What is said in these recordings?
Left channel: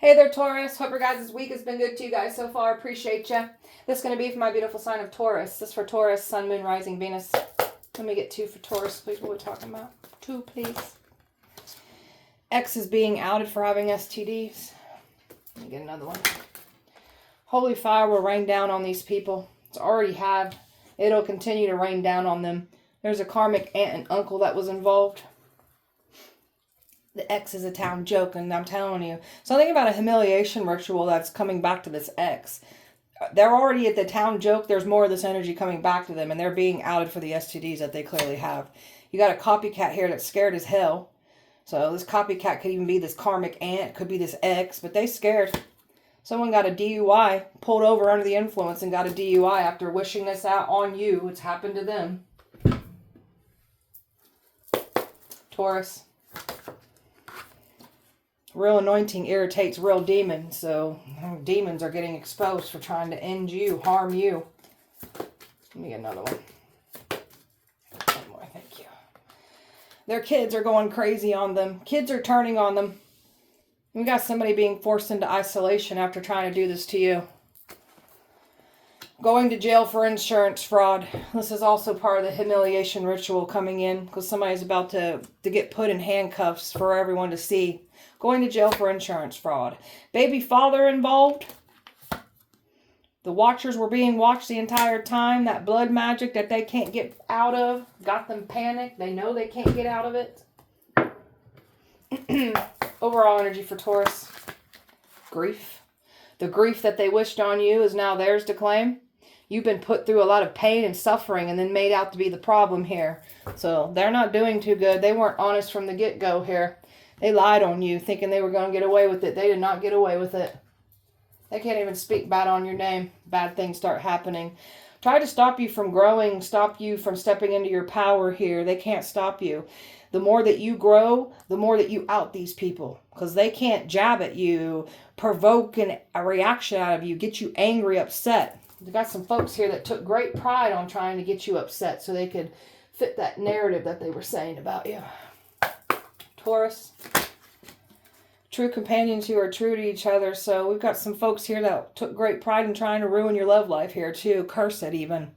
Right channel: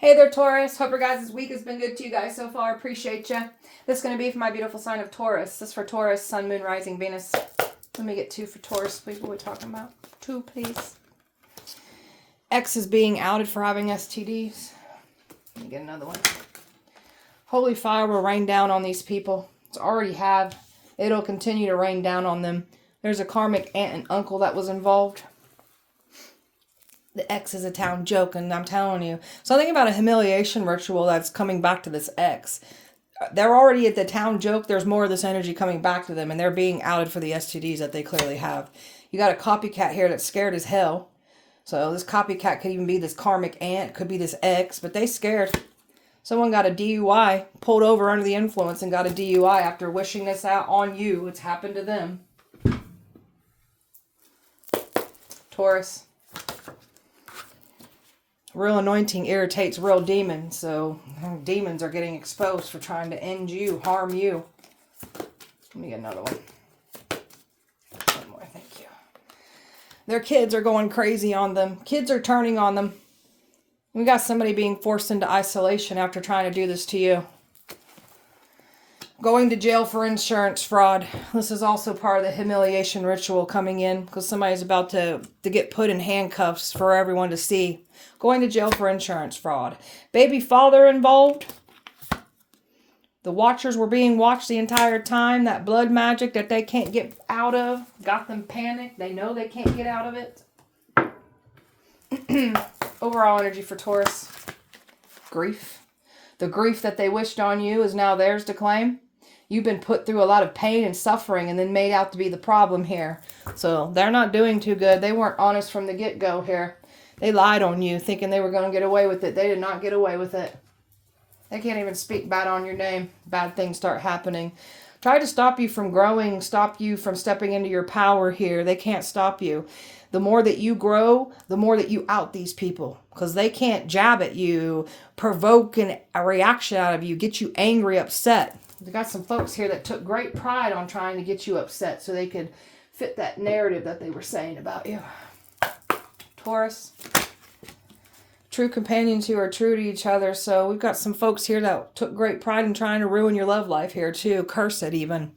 Hey there, Taurus. Hope your guys' week has been good to you guys so far. Appreciate you. This is going to be for my beautiful sign of Taurus. This is for Taurus, Sun, Moon, Rising, Venus. Let me get 2 for Taurus, please. What are we talking about? 2, please. X is being outed for having STDs. Let me get another one. Holy fire will rain down on these people. It's already have. It'll continue to rain down on them. There's a karmic aunt and uncle that was involved. The X is a town joke, and I'm telling you. Something about a humiliation ritual that's coming back to this X. They're already at the town joke. There's more of this energy coming back to them, and they're being outed for the STDs that they clearly have. You got a copycat here that's scared as hell. So this copycat could even be this karmic aunt, could be this X, but they scared. Someone got a DUI, pulled over under the influence and got a DUI after wishing this out on you. It's happened to them. Taurus. Real anointing irritates real demons, so demons are getting exposed for trying to end you, harm you. Let me get another one. One more, thank you. Their kids are going crazy on them. Kids are turning on them. We got somebody being forced into isolation after trying to do this to you. Going to jail for insurance fraud. This is also part of the humiliation ritual coming in because somebody's about to get put in handcuffs for everyone to see. Going to jail for insurance fraud. Baby father involved. The watchers were being watched the entire time. That blood magic that they can't get out of got them panicked. They know they can't get out of it. Overall energy for Taurus. Grief. The grief that they wished on you is now theirs to claim. You've been put through a lot of pain and suffering and then made out to be the problem here. So they're not doing too good. They weren't honest from the get-go here. They lied on you thinking they were going to get away with it. They did not get away with it. They can't even speak bad on your name. Bad things start happening. Try to stop you from growing, stop you from stepping into your power here. They can't stop you. The more that you grow, the more that you out these people. Because they can't jab at you, provoke a reaction out of you, get you angry, upset. We got some folks here that took great pride on trying to get you upset so they could fit that narrative that they were saying about you. Taurus. True companions who are true to each other. So we've got some folks here that took great pride in trying to ruin your love life here too. Curse it even.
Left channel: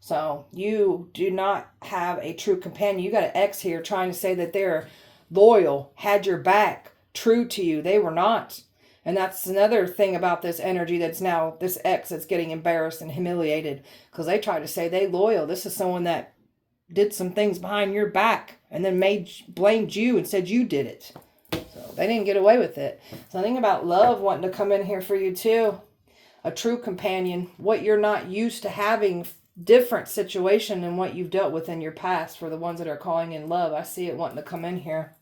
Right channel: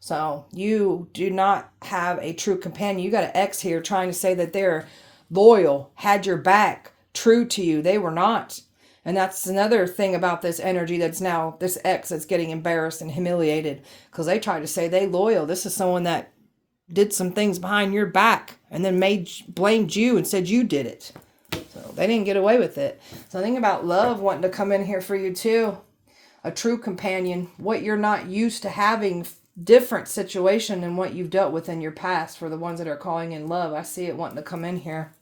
So you do not have a true companion. You got an X here trying to say that they're loyal, had your back, true to you. They were not. And that's another thing about this energy that's now this X that's getting embarrassed and humiliated because they tried to say they loyal. This is someone that did some things behind your back and then blamed you and said you did it. So they didn't get away with it. Something about love wanting to come in here for you too. A true companion. What you're not used to having, different situation than what you've dealt with in your past for the ones that are calling in love. I see it wanting to come in here.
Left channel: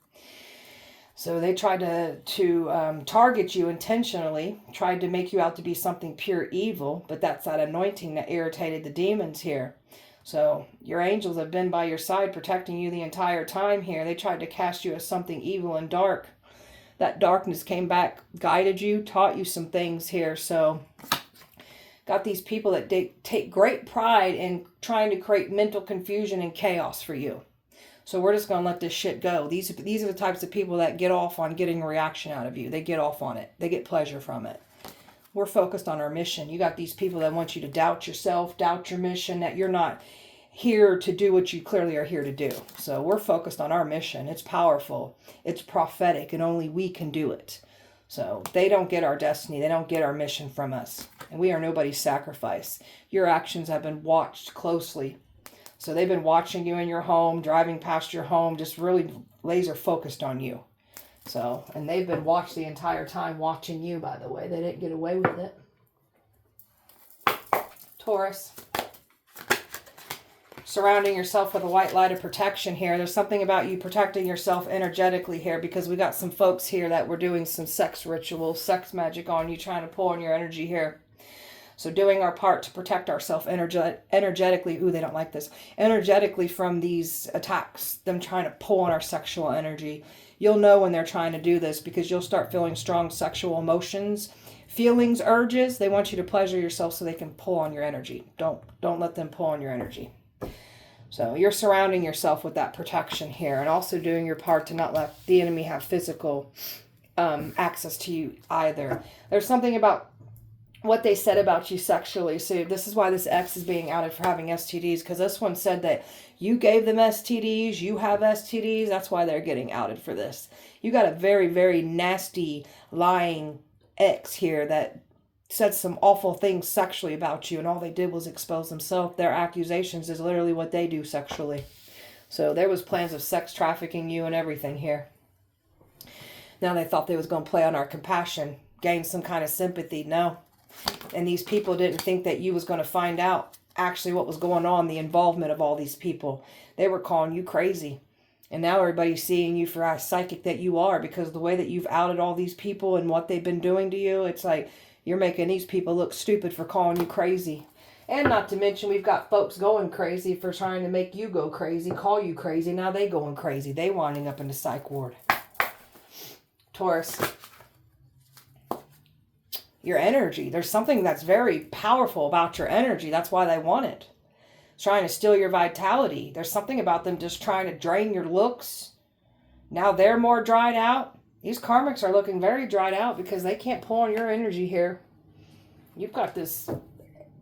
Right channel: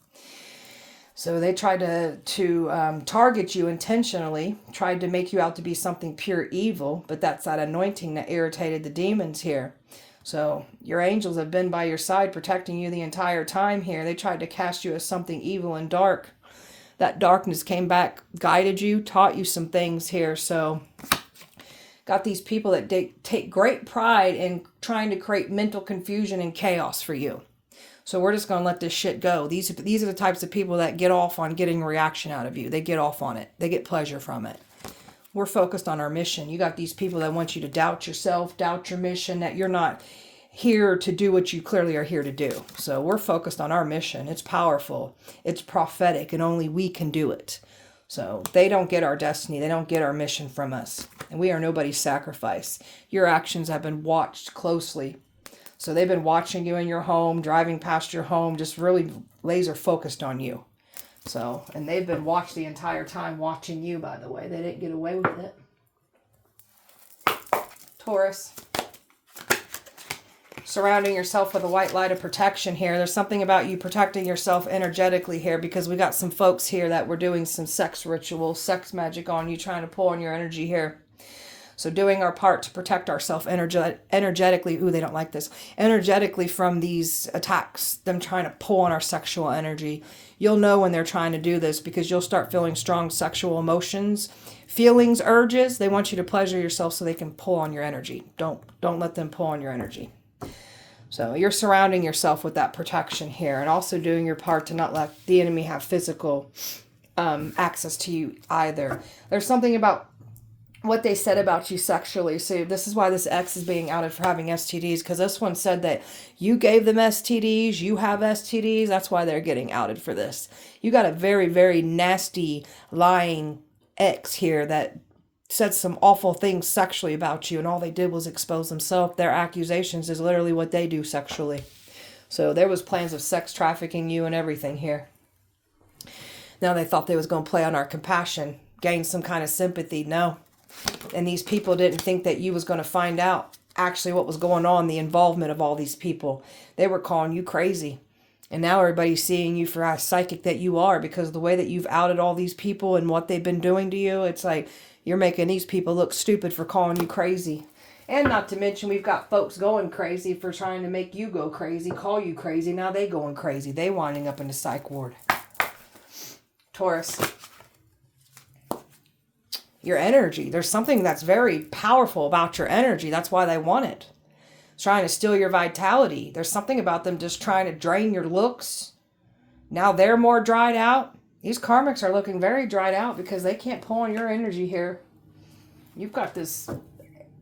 So they tried to target you intentionally, tried to make you out to be something pure evil, but that's that anointing that irritated the demons here. So your angels have been by your side protecting you the entire time here. They tried to cast you as something evil and dark. That darkness came back, guided you, taught you some things here. So got these people that take great pride in trying to create mental confusion and chaos for you. So we're just going to let this shit go. These are the types of people that get off on getting a reaction out of you. They get off on it. They get pleasure from it. We're focused on our mission. You got these people that want you to doubt yourself, doubt your mission, that you're not here to do what you clearly are here to do. So we're focused on our mission. It's powerful. It's prophetic, and only we can do it. So they don't get our destiny. They don't get our mission from us. And we are nobody's sacrifice. Your actions have been watched closely. So they've been watching you in your home, driving past your home, just really laser focused on you. So, and they've been watched the entire time watching you, by the way. They didn't get away with it. Taurus. Surrounding yourself with a white light of protection here. There's something about you protecting yourself energetically here because we got some folks here that were doing some sex rituals, sex magic on you, trying to pull on your energy here. So doing our part to protect ourselves energetically. Ooh, they don't like this. Energetically from these attacks, them trying to pull on our sexual energy. You'll know when they're trying to do this because you'll start feeling strong sexual emotions, feelings, urges. They want you to pleasure yourself so they can pull on your energy. Don't let them pull on your energy. So you're surrounding yourself with that protection here and also doing your part to not let the enemy have physical access to you either. There's something about what they said about you sexually. So this is why this ex is being outed for having STDs, because this one said that you gave them STDs, you have STDs. That's why they're getting outed for this. You got a very, very nasty, lying ex here that said some awful things sexually about you, and all they did was expose themselves. Their accusations is literally what they do sexually. So there was plans of sex trafficking you and everything here. Now they thought they was going to play on our compassion, gain some kind of sympathy. No. And these people didn't think that you was going to find out actually what was going on, the involvement of all these people. They were calling you crazy. And now everybody's seeing you for how psychic that you are, because the way that you've outed all these people and what they've been doing to you, it's like you're making these people look stupid for calling you crazy. And not to mention, we've got folks going crazy for trying to make you go crazy, call you crazy. Now they going crazy. They winding up in the psych ward. Taurus. Your energy. There's something that's very powerful about your energy. That's why they want it. It's trying to steal your vitality. There's something about them just trying to drain your looks. Now they're more dried out. These karmics are looking very dried out because they can't pull on your energy here. You've got this...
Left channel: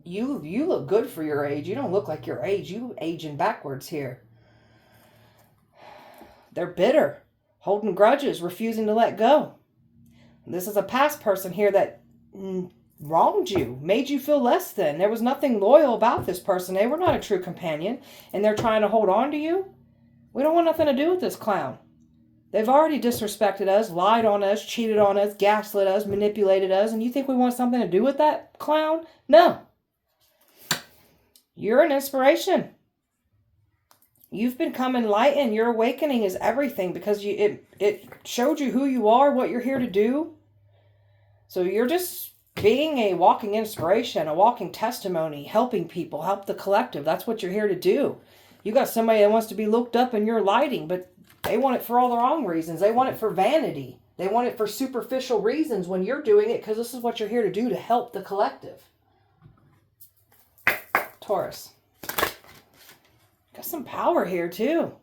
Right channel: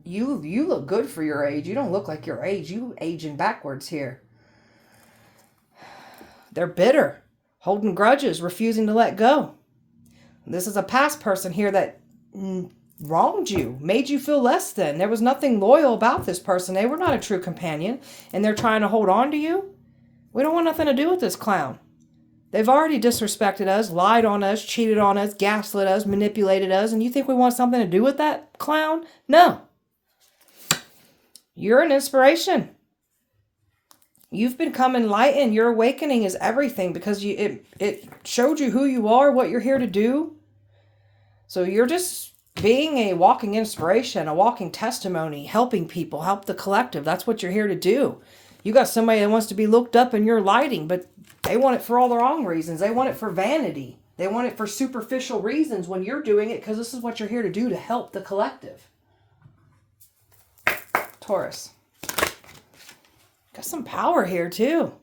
You look good for your age. You don't look like your age. You aging backwards here. They're bitter. Holding grudges. Refusing to let go. This is a past person here that wronged you, made you feel less than. There was nothing loyal about this person. They were not a true companion, and they're trying to hold on to you. We don't want nothing to do with this clown. They've already disrespected us, lied on us, cheated on us, gaslit us, manipulated us, and you think we want something to do with that clown? No. You're an inspiration. You've become enlightened. Your awakening is everything, because it showed you who you are, what you're here to do. So you're just being a walking inspiration, a walking testimony, helping people, help the collective. That's what you're here to do. You got somebody that wants to be looked up in your lighting, but they want it for all the wrong reasons. They want it for vanity. They want it for superficial reasons when you're doing it, because this is what you're here to do, to help the collective. Taurus. Got some power here too.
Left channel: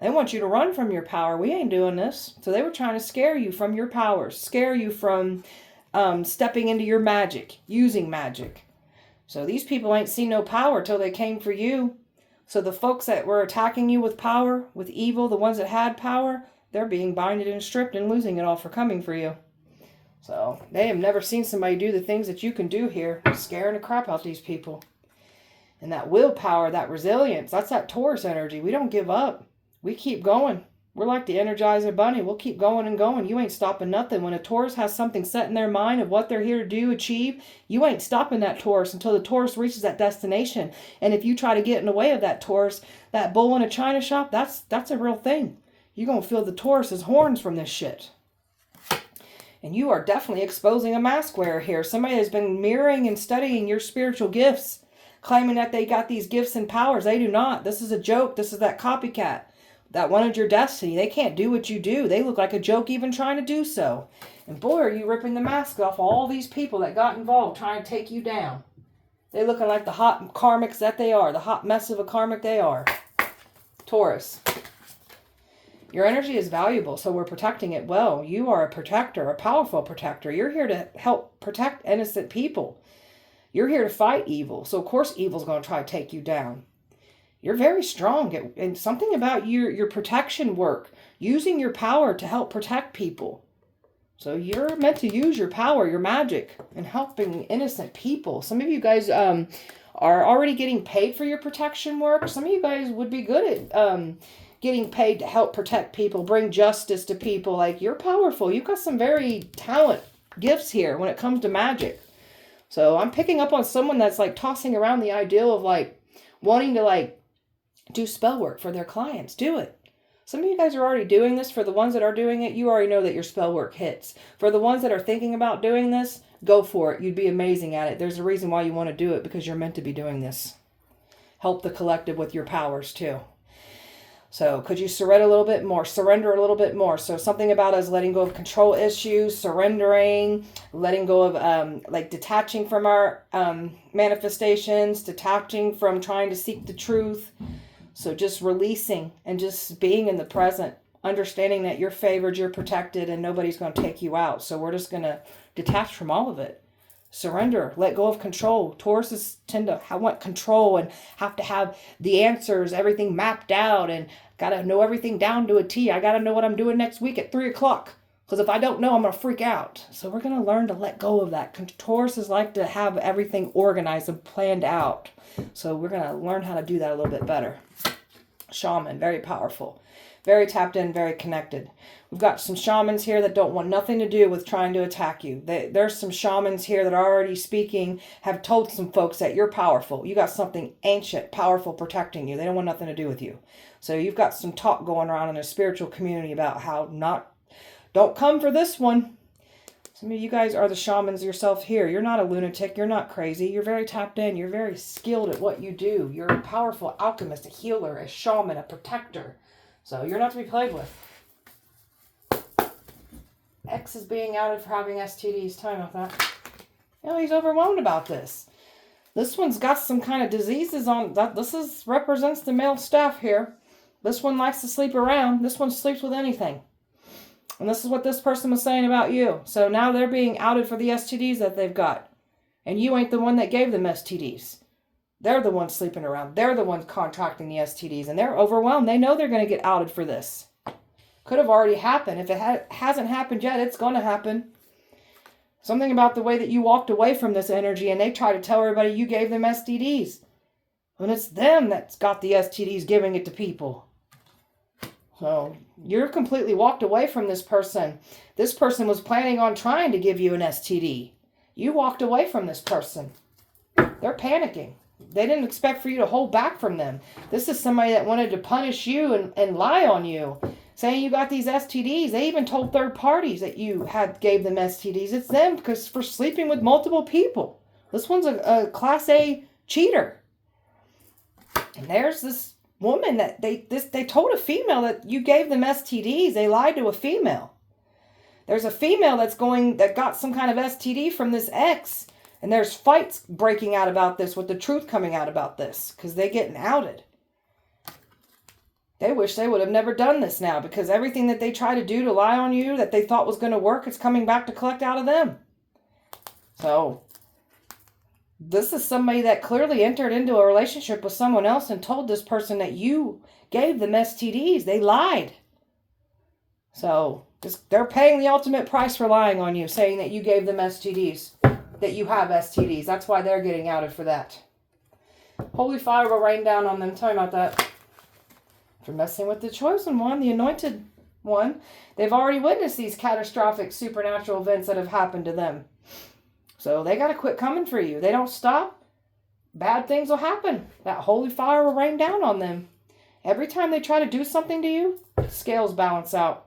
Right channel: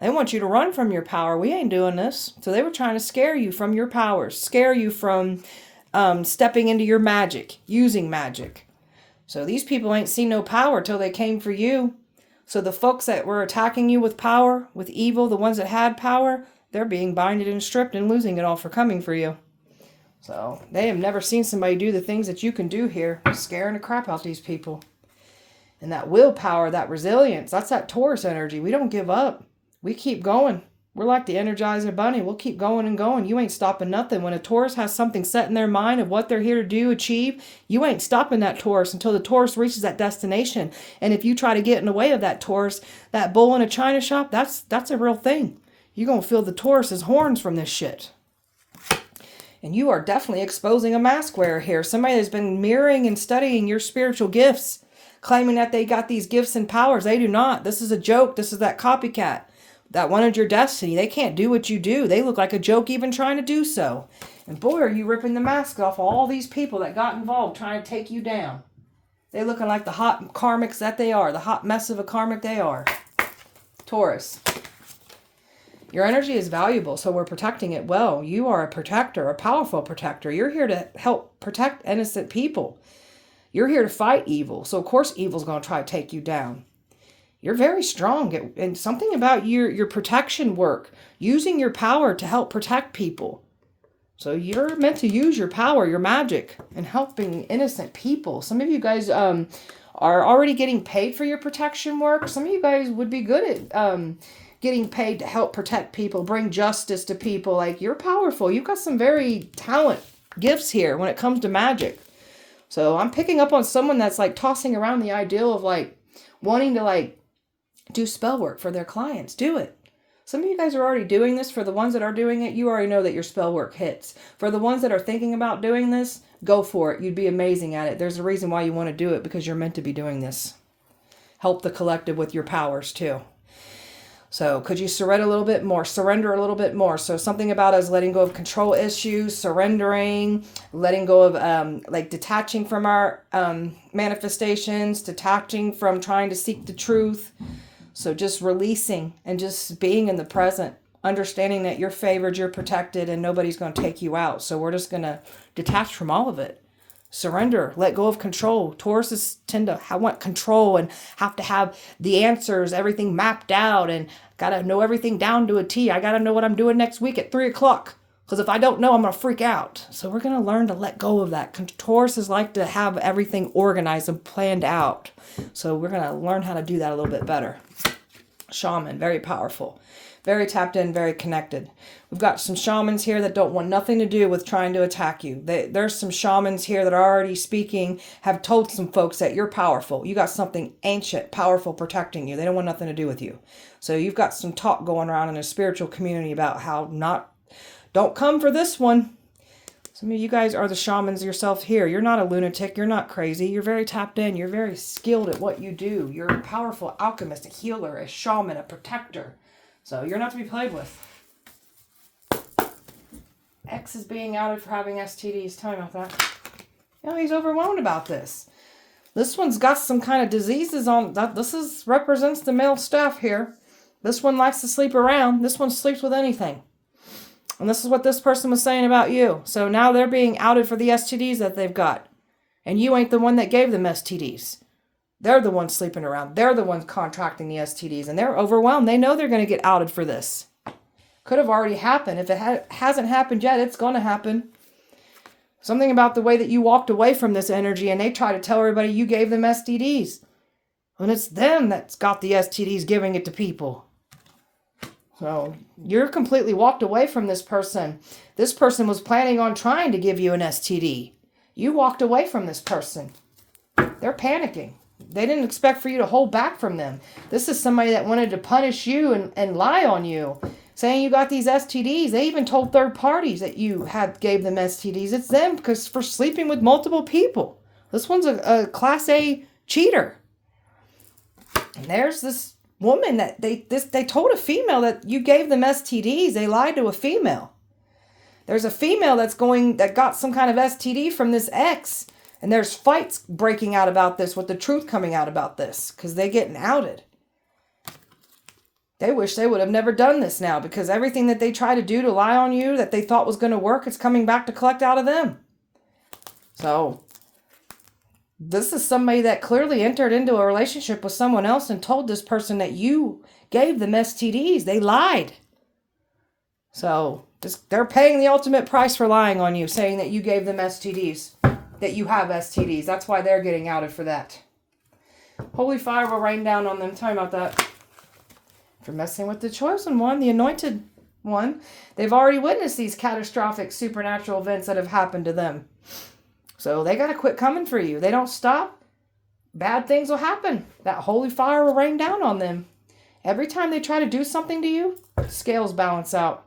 They want you to run from your power. We ain't doing this. So they were trying to scare you from your powers, scare you from stepping into your magic, using magic. So these people ain't seen no power till they came for you. So the folks that were attacking you with power, with evil, the ones that had power, they're being binded and stripped and losing it all for coming for you. So they have never seen somebody do the things that you can do here, scaring the crap out these people. And that willpower, that resilience, that's that Taurus energy. We don't give up. We keep going. We're like the Energizer Bunny. We'll keep going and going. You ain't stopping nothing. When a Taurus has something set in their mind of what they're here to do, achieve, you ain't stopping that Taurus until the Taurus reaches that destination. And if you try to get in the way of that Taurus, that bull in a china shop, that's a real thing. You're going to feel the Taurus's horns from this shit. And you are definitely exposing a mask wearer here. Somebody that's been mirroring and studying your spiritual gifts, claiming that they got these gifts and powers. They do not. This is a joke. This is that copycat that wanted your destiny. They can't do what you do. They look like a joke even trying to do so. And boy, are you ripping the mask off of all these people that got involved trying to take you down. They looking like the hot karmics that they are. The hot mess of a karmic they are. Taurus. Your energy is valuable, so we're protecting it well. You are a protector, a powerful protector. You're here to help protect innocent people. You're here to fight evil. So of course evil's going to try to take you down. You're very strong. And something about your protection work, using your power to help protect people. So you're meant to use your power, your magic, in helping innocent people. Some of you guys are already getting paid for your protection work. Some of you guys would be good at getting paid to help protect people, bring justice to people. Like, you're powerful. You've got some very talent gifts here when it comes to magic. So I'm picking up on someone that's like tossing around the ideal of like wanting to like do spell work for their clients. Do it. Some of you guys are already doing this. For the ones that are doing it, you already know that your spell work hits. For the ones that are thinking about doing this, go for it. You'd be amazing at it. There's a reason why you want to do it, because you're meant to be doing this. Help the collective with your powers too. So could you surrender a little bit more? Surrender a little bit more. So something about us letting go of control issues, surrendering, letting go of like detaching from our manifestations, detaching from trying to seek the truth. So just releasing and just being in the present. understanding that you're favored, you're protected, and nobody's going to take you out. So we're just going to detach from all of it. Surrender, let go of control. Tauruses tend to want control and have to have the answers, everything mapped out, and got to know everything down to a T. I got to know what I'm doing next week at 3 o'clock. Because if I don't know, I'm going to freak out. So we're going to learn to let go of that. Tauruses like to have everything organized and planned out. So we're going to learn how to do that a little bit better. Shaman, very powerful. Very tapped in, very connected. We've got some shamans here that don't want nothing to do with trying to attack you. There's some shamans here that are already speaking, have told some folks that you're powerful. You got something ancient, powerful protecting you. They don't want nothing to do with you. So you've got some talk going around in a spiritual community about how don't come for this one. Some of you guys are the shamans yourself here. You're not a lunatic. You're not crazy. You're very tapped in. You're very skilled at what you do. You're a powerful alchemist, a healer, a shaman, a protector. So you're not to be played with. X is being outed for having STDs. Tell me about that. He's overwhelmed about this. This one's got some kind of diseases on that. This represents the male staff here. This one likes to sleep around. This one sleeps with anything. And this is what this person was saying about you. So now they're being outed for the STDs that they've got. And you ain't the one that gave them STDs. They're the ones sleeping around. They're the ones contracting the STDs. And they're overwhelmed. They know they're going to get outed for this. Could have already happened. If it hasn't happened yet, it's going to happen. Something about the way that you walked away from this energy and they try to tell everybody you gave them STDs. When it's them that's got the STDs giving it to people. So you're completely walked away from this person. This person was planning on trying to give you an STD. You walked away from this person. They're panicking. They didn't expect for you to hold back from them. This is somebody that wanted to punish you and lie on you, saying you got these STDs. They even told third parties that you gave them STDs. It's them because for sleeping with multiple people. This one's a class A cheater. And there's this woman that they told a female that you gave them STDs. They lied to a female. There's a female that got some kind of STD from this ex. And there's fights breaking out about this with the truth coming out about this because they're getting outed. They wish they would have never done this now because everything that they try to do to lie on you that they thought was going to work, it's coming back to collect out of them. So this is somebody that clearly entered into a relationship with someone else and told this person that you gave them STDs. They lied. So they're paying the ultimate price for lying on you, saying that you gave them STDs. That you have STDs. That's why they're getting outed for that. Holy fire will rain down on them. Tell me about that. If you're messing with the chosen one, the anointed one, they've already witnessed these catastrophic supernatural events that have happened to them. So they got to quit coming for you. They don't stop, bad things will happen. That holy fire will rain down on them. Every time they try to do something to you, scales balance out.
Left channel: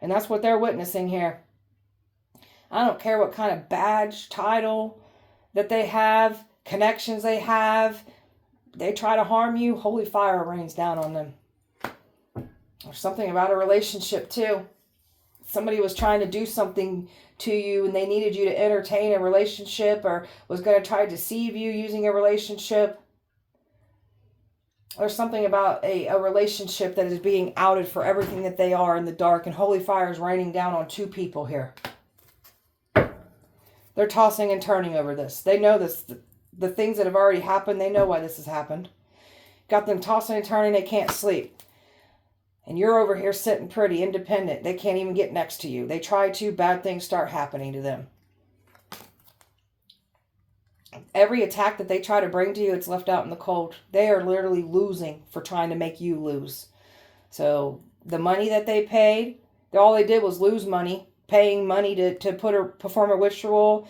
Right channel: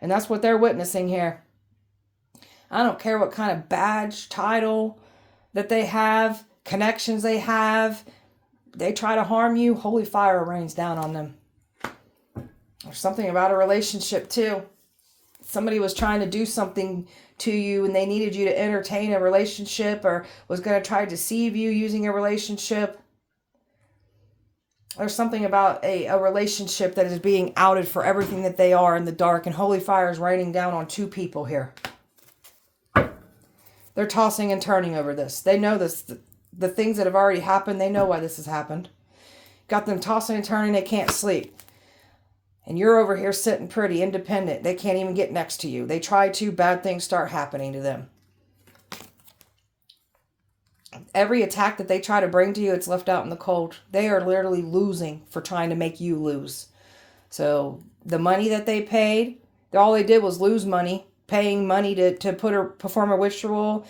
And that's what they're witnessing here. I don't care what kind of badge, title that they have, connections they have. They try to harm you, holy fire rains down on them. There's something about a relationship too. Somebody was trying to do something to you and they needed you to entertain a relationship or was going to try to deceive you using a relationship. There's something about a relationship that is being outed for everything that they are in the dark, and holy fire is raining down on two people here. They're tossing and turning over this. They know this. The things that have already happened, they know why this has happened. Got them tossing and turning. They can't sleep. And you're over here sitting pretty, independent. They can't even get next to you. They try to, bad things start happening to them. Every attack that they try to bring to you, it's left out in the cold. They are literally losing for trying to make you lose. So the money that they paid, all they did was lose money. Paying money to perform a ritual,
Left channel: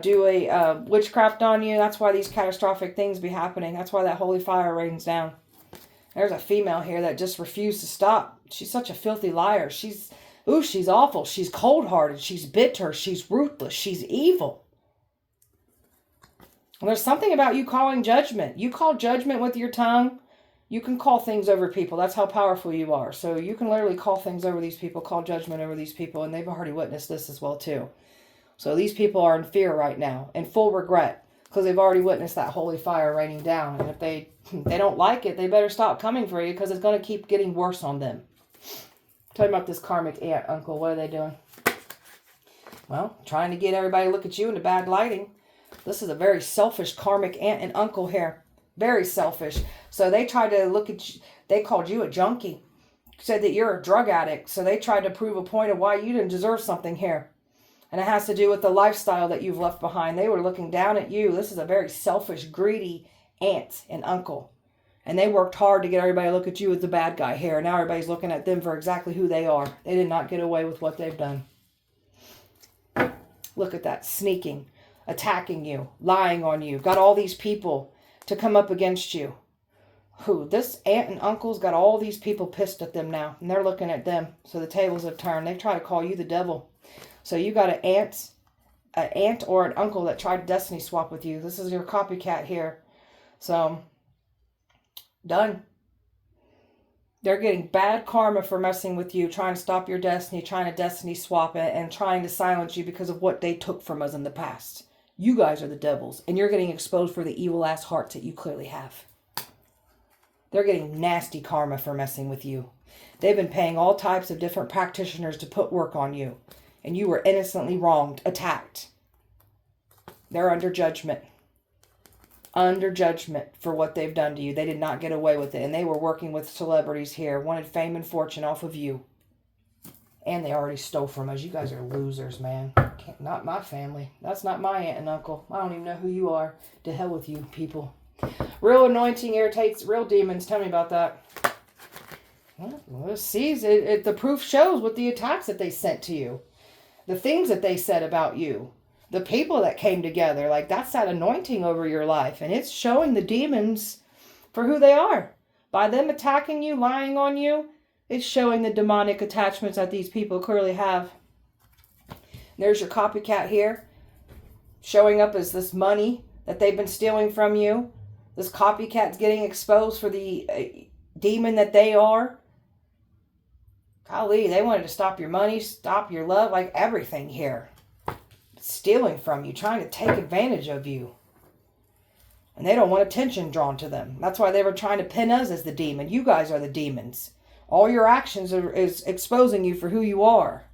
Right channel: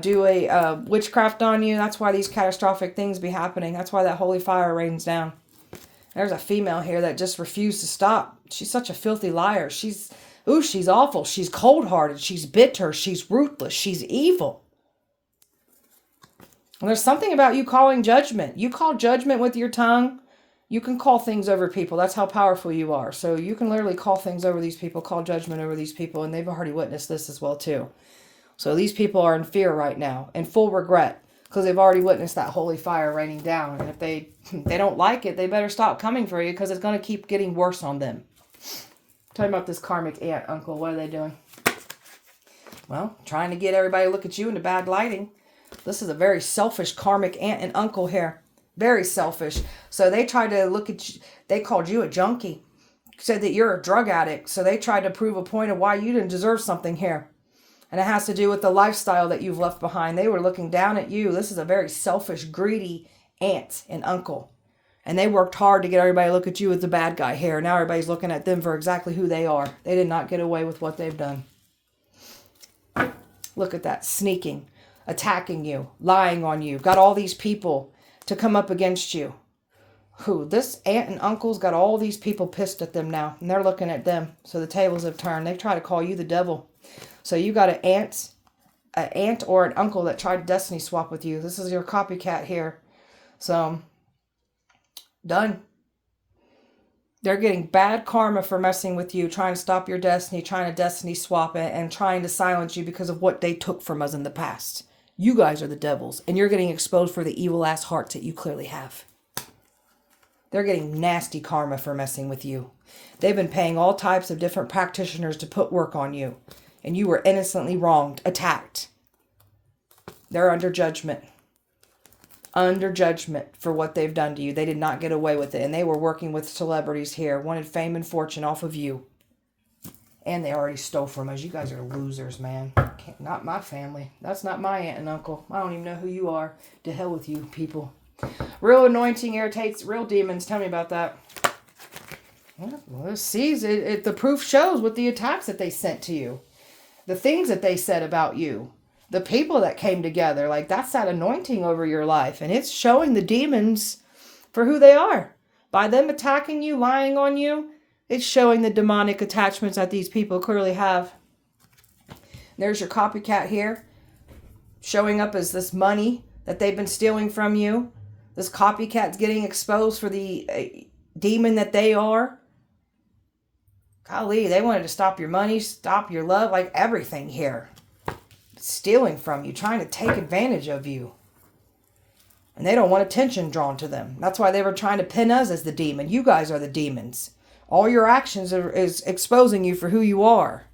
do a witchcraft on you. That's why these catastrophic things be happening. That's why that holy fire rains down. There's a female here that just refused to stop. She's such a filthy liar. She's awful. She's cold-hearted. She's bitter. She's ruthless. She's evil. And there's something about you calling judgment. You call judgment with your tongue. You can call things over people. That's how powerful you are. So you can literally call things over these people, call judgment over these people, and they've already witnessed this as well too. So these people are in fear right now, in full regret, because they've already witnessed that holy fire raining down. And if they don't like it, they better stop coming for you because it's going to keep getting worse on them. Tell me about this karmic aunt, uncle. What are they doing? Well, trying to get everybody to look at you in the bad lighting. This is a very selfish karmic aunt and uncle here. Very selfish. So they tried to look at you. They called you a junkie. Said that you're a drug addict. So they tried to prove a point of why you didn't deserve something here. And it has to do with the lifestyle that you've left behind. They were looking down at you. This is a very selfish, greedy aunt and uncle. And they worked hard to get everybody to look at you as the bad guy here. Now everybody's looking at them for exactly who they are. They did not get away with what they've done. Look at that. Sneaking, attacking you, lying on you. Got all these people to come up against you. Who? This aunt and uncle's got all these people pissed at them now. And they're looking at them. So the tables have turned. They try to call you the devil. So you got an aunt or an uncle that tried to destiny swap with you. This is your copycat here. So, done. They're getting bad karma for messing with you, trying to stop your destiny, trying to destiny swap it, and trying to silence you because of what they took from us in the past. You guys are the devils, and you're getting exposed for the evil-ass hearts that you clearly have. They're getting nasty karma for messing with you. They've been paying all types of different practitioners to put work on you, and you were innocently wronged, attacked. They're under judgment. Under judgment for what they've done to you. They did not get away with it. And they were working with celebrities here. Wanted fame and fortune off of you. And they already stole from us. You guys are losers, man. Not my family. That's not my aunt and uncle. I don't even know who you are. To hell with you people. Real anointing irritates real demons. Tell me about that. Yeah, well, see, the proof shows with the attacks that they sent to you. The things that they said about you. The people that came together, like that's that anointing over your life. And it's showing the demons for who they are. By them attacking you, lying on you, it's showing the demonic attachments that these people clearly have. There's your copycat here. Showing up as this money that they've been stealing from you. This copycat's getting exposed for the demon that they are. Golly, they wanted to stop your money, stop your love, like everything here. Stealing from you, trying to take advantage of you. And they don't want attention drawn to them. That's why they were trying to pin us as the demon. You guys are the demons. All your actions is exposing you for who you are.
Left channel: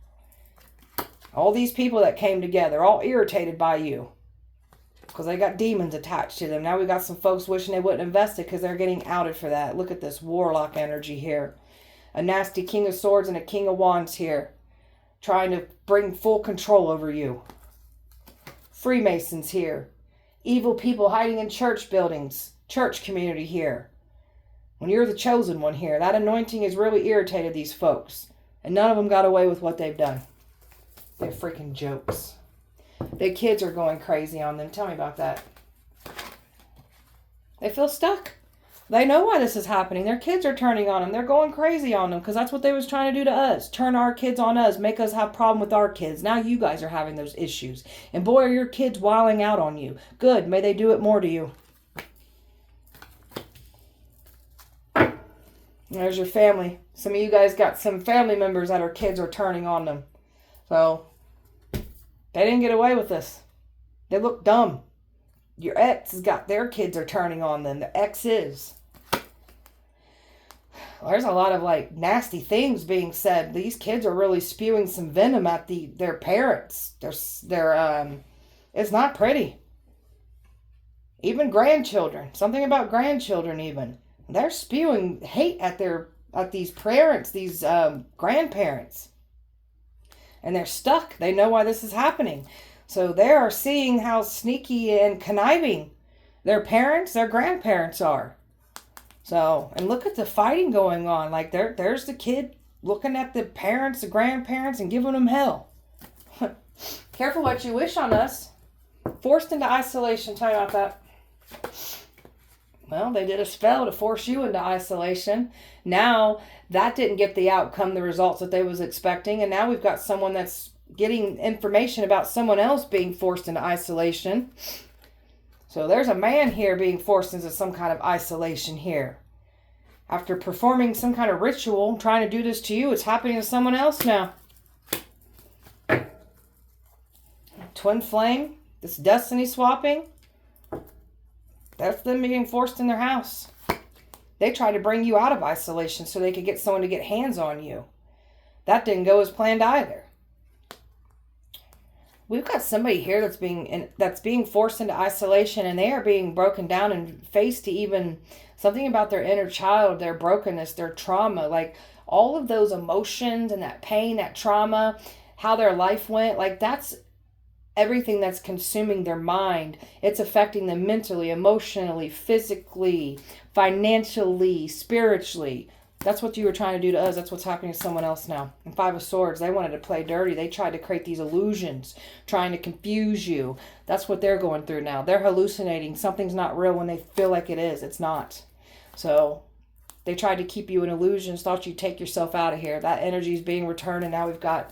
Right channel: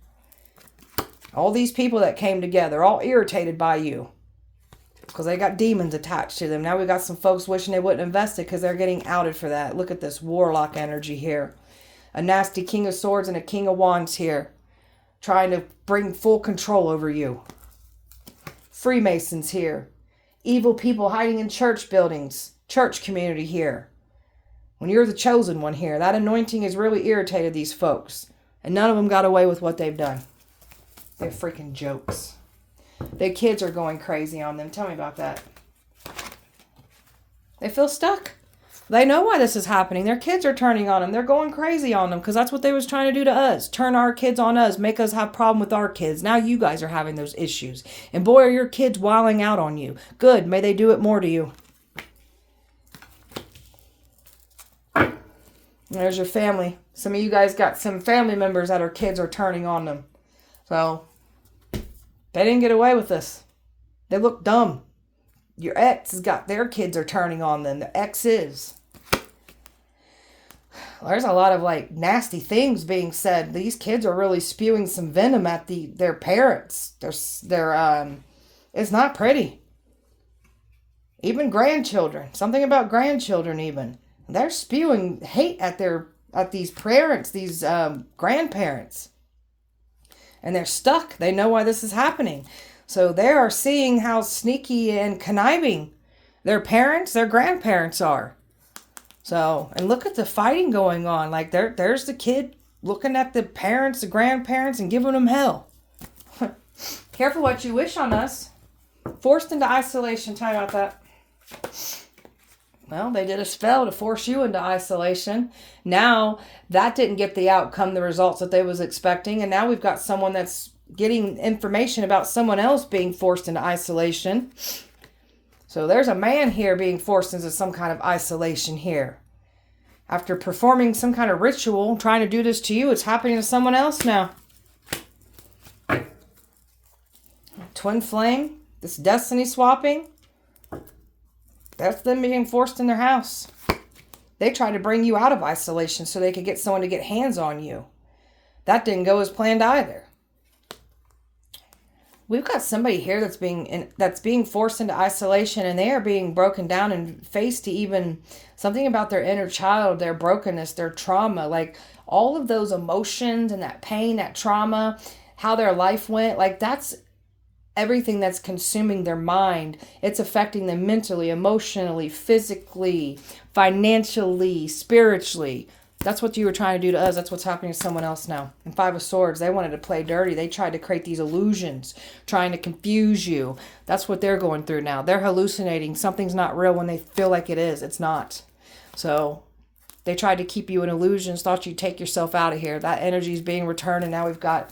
All these people that came together, all irritated by you. Because they got demons attached to them. Now we got some folks wishing they wouldn't invest it because they're getting outed for that. Look at this warlock energy here. A nasty King of Swords and a King of Wands here. Trying to bring full control over you. Freemasons here. Evil people hiding in church buildings. Church community here. When you're the chosen one here, that anointing has really irritated these folks. And none of them got away with what they've done. They're freaking jokes. Their kids are going crazy on them. Tell me about that. They feel stuck. They know why this is happening. Their kids are turning on them. They're going crazy on them because that's what they was trying to do to us. Turn our kids on us. Make us have a problem with our kids. Now you guys are having those issues. And boy, are your kids wilding out on you. Good. May they do it more to you. There's your family. Some of you guys got some family members that our kids are turning on them. So, they didn't get away with this. They look dumb. Your ex has got their kids are turning on them. The exes. There's a lot of like nasty things being said. These kids are really spewing some venom at their parents. It's not pretty. Even grandchildren. Something about grandchildren even. They're spewing hate at these parents, these grandparents. And they're stuck. They know why this is happening. So they are seeing how sneaky and conniving their parents, their grandparents are. So, and look at the fighting going on. Like there's the kid looking at the parents, the grandparents, and giving them hell. Careful what you wish on us. Forced into isolation. Tell me about that. Well, they did a spell to force you into isolation. Now, that didn't get the outcome, the results that they was expecting. And now we've got someone that's getting information about someone else being forced into isolation. So there's a man here being forced into some kind of isolation here. After performing some kind of ritual, trying to do this to you, it's happening to someone else now. Twin flame, this destiny swapping. That's them being forced in their house. They try to bring you out of isolation so they could get someone to get hands on you. That didn't go as planned either. We've got somebody here that's being forced into isolation, and they are being broken down and faced to even something about their inner child, their brokenness, their trauma, like all of those emotions and that pain, that trauma, how their life went, like that's everything that's consuming their mind. It's affecting them mentally, emotionally, physically, financially, spiritually. That's what you were trying to do to us. That's what's happening to someone else now. And Five of Swords, they wanted to play dirty. They tried to create these illusions, trying to confuse you. That's what they're going through now. They're hallucinating. Something's not real when they feel like it is. It's not. So they tried to keep you in illusions, thought you'd take yourself out of here. That energy is being returned, and now we've got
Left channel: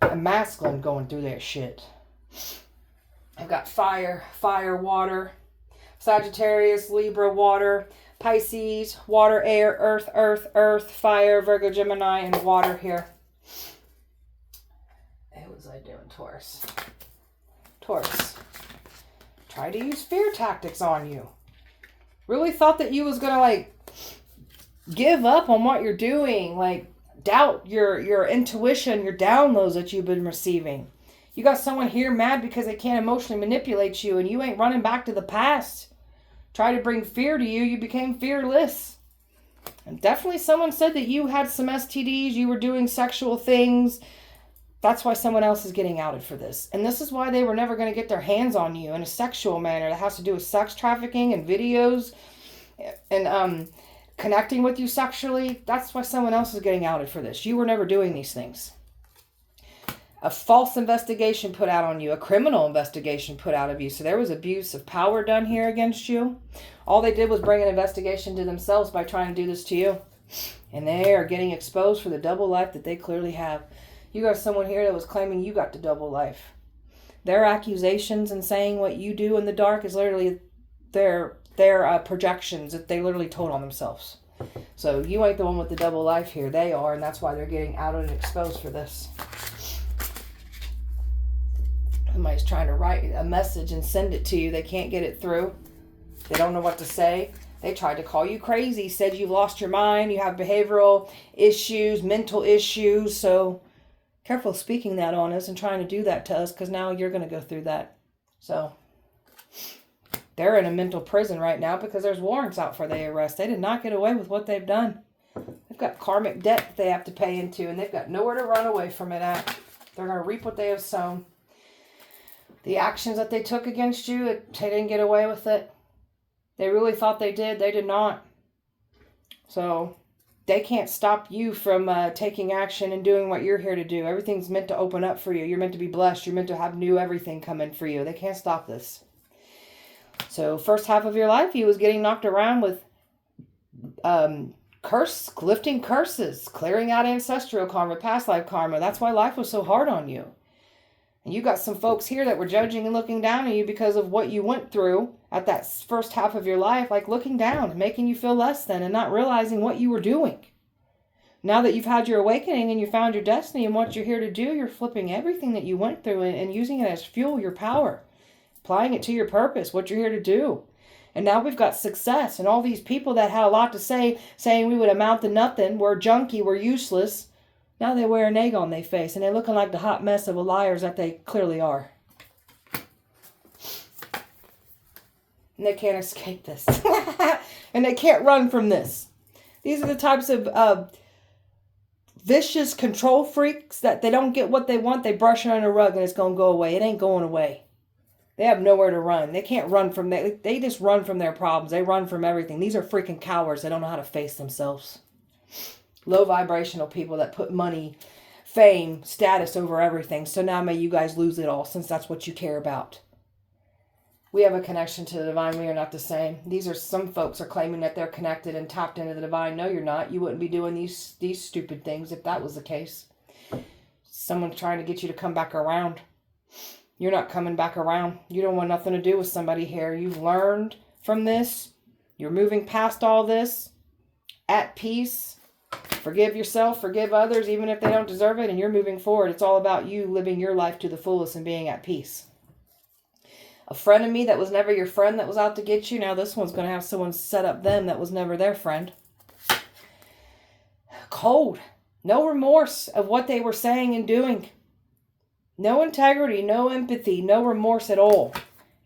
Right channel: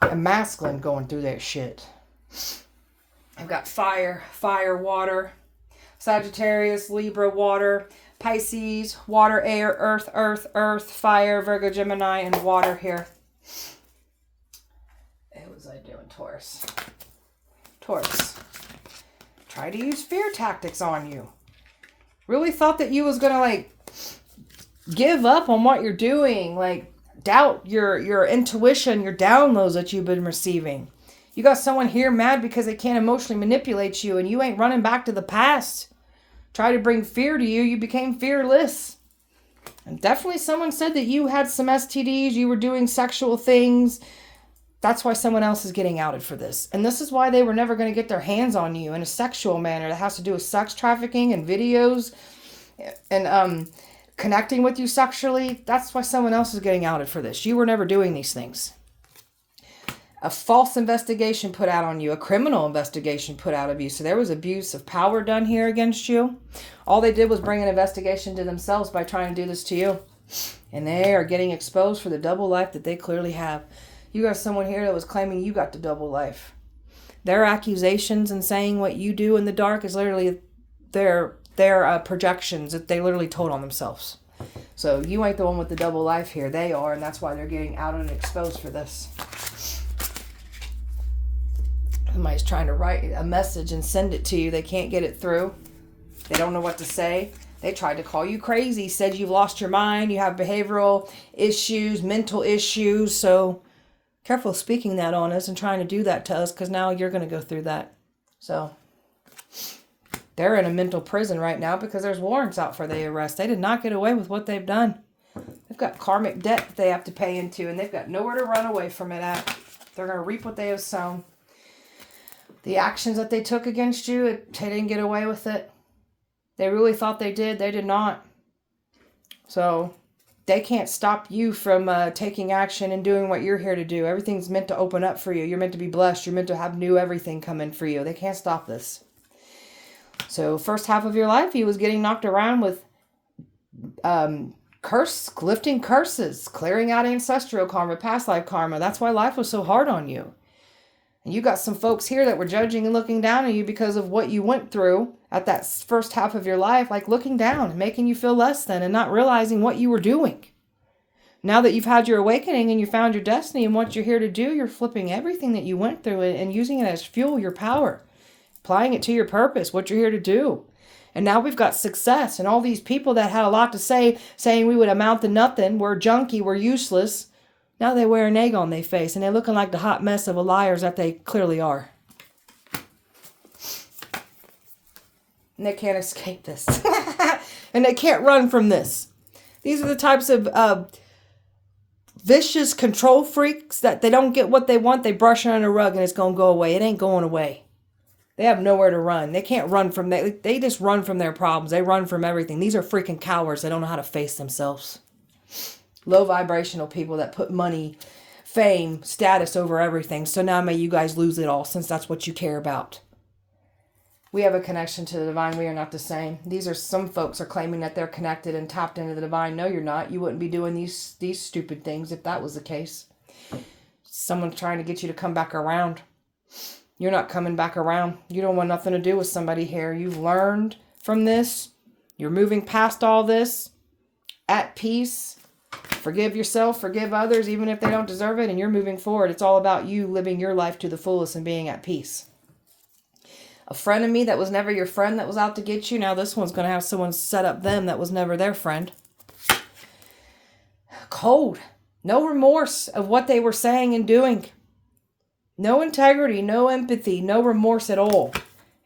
a masculine going through that shit. I've got fire, water, Sagittarius, Libra, water, Pisces, water, air, earth, fire, Virgo, Gemini, and water here. What was I doing, Taurus? Taurus. Try to use fear tactics on you. Really thought that you was going to, like, give up on what you're doing. Like, doubt your intuition, your downloads that you've been receiving. You got someone here mad because they can't emotionally manipulate you, and you ain't running back to the past. Try to bring fear to you. You became fearless. And definitely someone said that you had some STDs. You were doing sexual things. That's why someone else is getting outed for this. And this is why they were never going to get their hands on you in a sexual manner. That has to do with sex trafficking and videos and connecting with you sexually. That's why someone else is getting outed for this. You were never doing these things. A false investigation put out on you, a criminal investigation put out of you. So there was abuse of power done here against you. All they did was bring an investigation to themselves by trying to do this to you. And they are getting exposed for the double life that they clearly have. You got someone here that was claiming you got the double life. Their accusations and saying what you do in the dark is literally their projections that they literally told on themselves. So you ain't the one with the double life here. They are, and that's why they're getting outed and exposed for this. Somebody's trying to write a message and send it to you. They can't get it through. They don't know what to say. They tried to call you crazy, said you've lost your mind, you have behavioral issues, mental issues. So careful speaking that on us and trying to do that to us, because now you're going to go through that. So they're in a mental prison right now because there's warrants out for their arrest. They did not get away with what they've done. They've got karmic debt they have to pay into, and they've got nowhere to run away from it at. They're going to reap what they have sown. The actions that they took against you, they didn't get away with it. They really thought they did. They did not. So they can't stop you from taking action and doing what you're here to do. Everything's meant to open up for you. You're meant to be blessed. You're meant to have new everything come in for you. They can't stop this. So first half of your life, he was getting knocked around with lifting curses, clearing out ancestral karma, past life karma. That's why life was so hard on you. And you got some folks here that were judging and looking down on you because of what you went through at that first half of your life, like looking down, making you feel less than, and not realizing what you were doing. Now that you've had your awakening and you found your destiny and what you're here to do, you're flipping everything that you went through and using it as fuel, your power, applying it to your purpose, what you're here to do. And now we've got success, and all these people that had a lot to say, saying we would amount to nothing, we're junky, we're useless. Now they wear an egg on their face, and they're looking like the hot mess of liars that they clearly are. And they can't escape this. And they can't run from this. These are the types of vicious control freaks that they don't get what they want. They brush it under a rug and it's going to go away. It ain't going away. They have nowhere to run. They can't run from that. They just run from their problems. They run from everything. These are freaking cowards. They don't know how to face themselves. Low vibrational people that put money, fame, status over everything. So now may you guys lose it all, since that's what you care about. We have a connection to the divine. We are not the same. These are some folks are claiming that they're connected and tapped into the divine. No, you're not. You wouldn't be doing these stupid things if that was the case. Someone's trying to get you to come back around. You're not coming back around. You don't want nothing to do with somebody here. You've learned from this. You're moving past all this. At peace. Forgive yourself, forgive others, even if they don't deserve it, and you're moving forward. It's all about you living your life to the fullest and being at peace. A friend of me that was never your friend that was out to get you, now this one's going to have someone set up them that was never their friend. Cold. No remorse of what they were saying and doing. No integrity, no empathy, no remorse at all.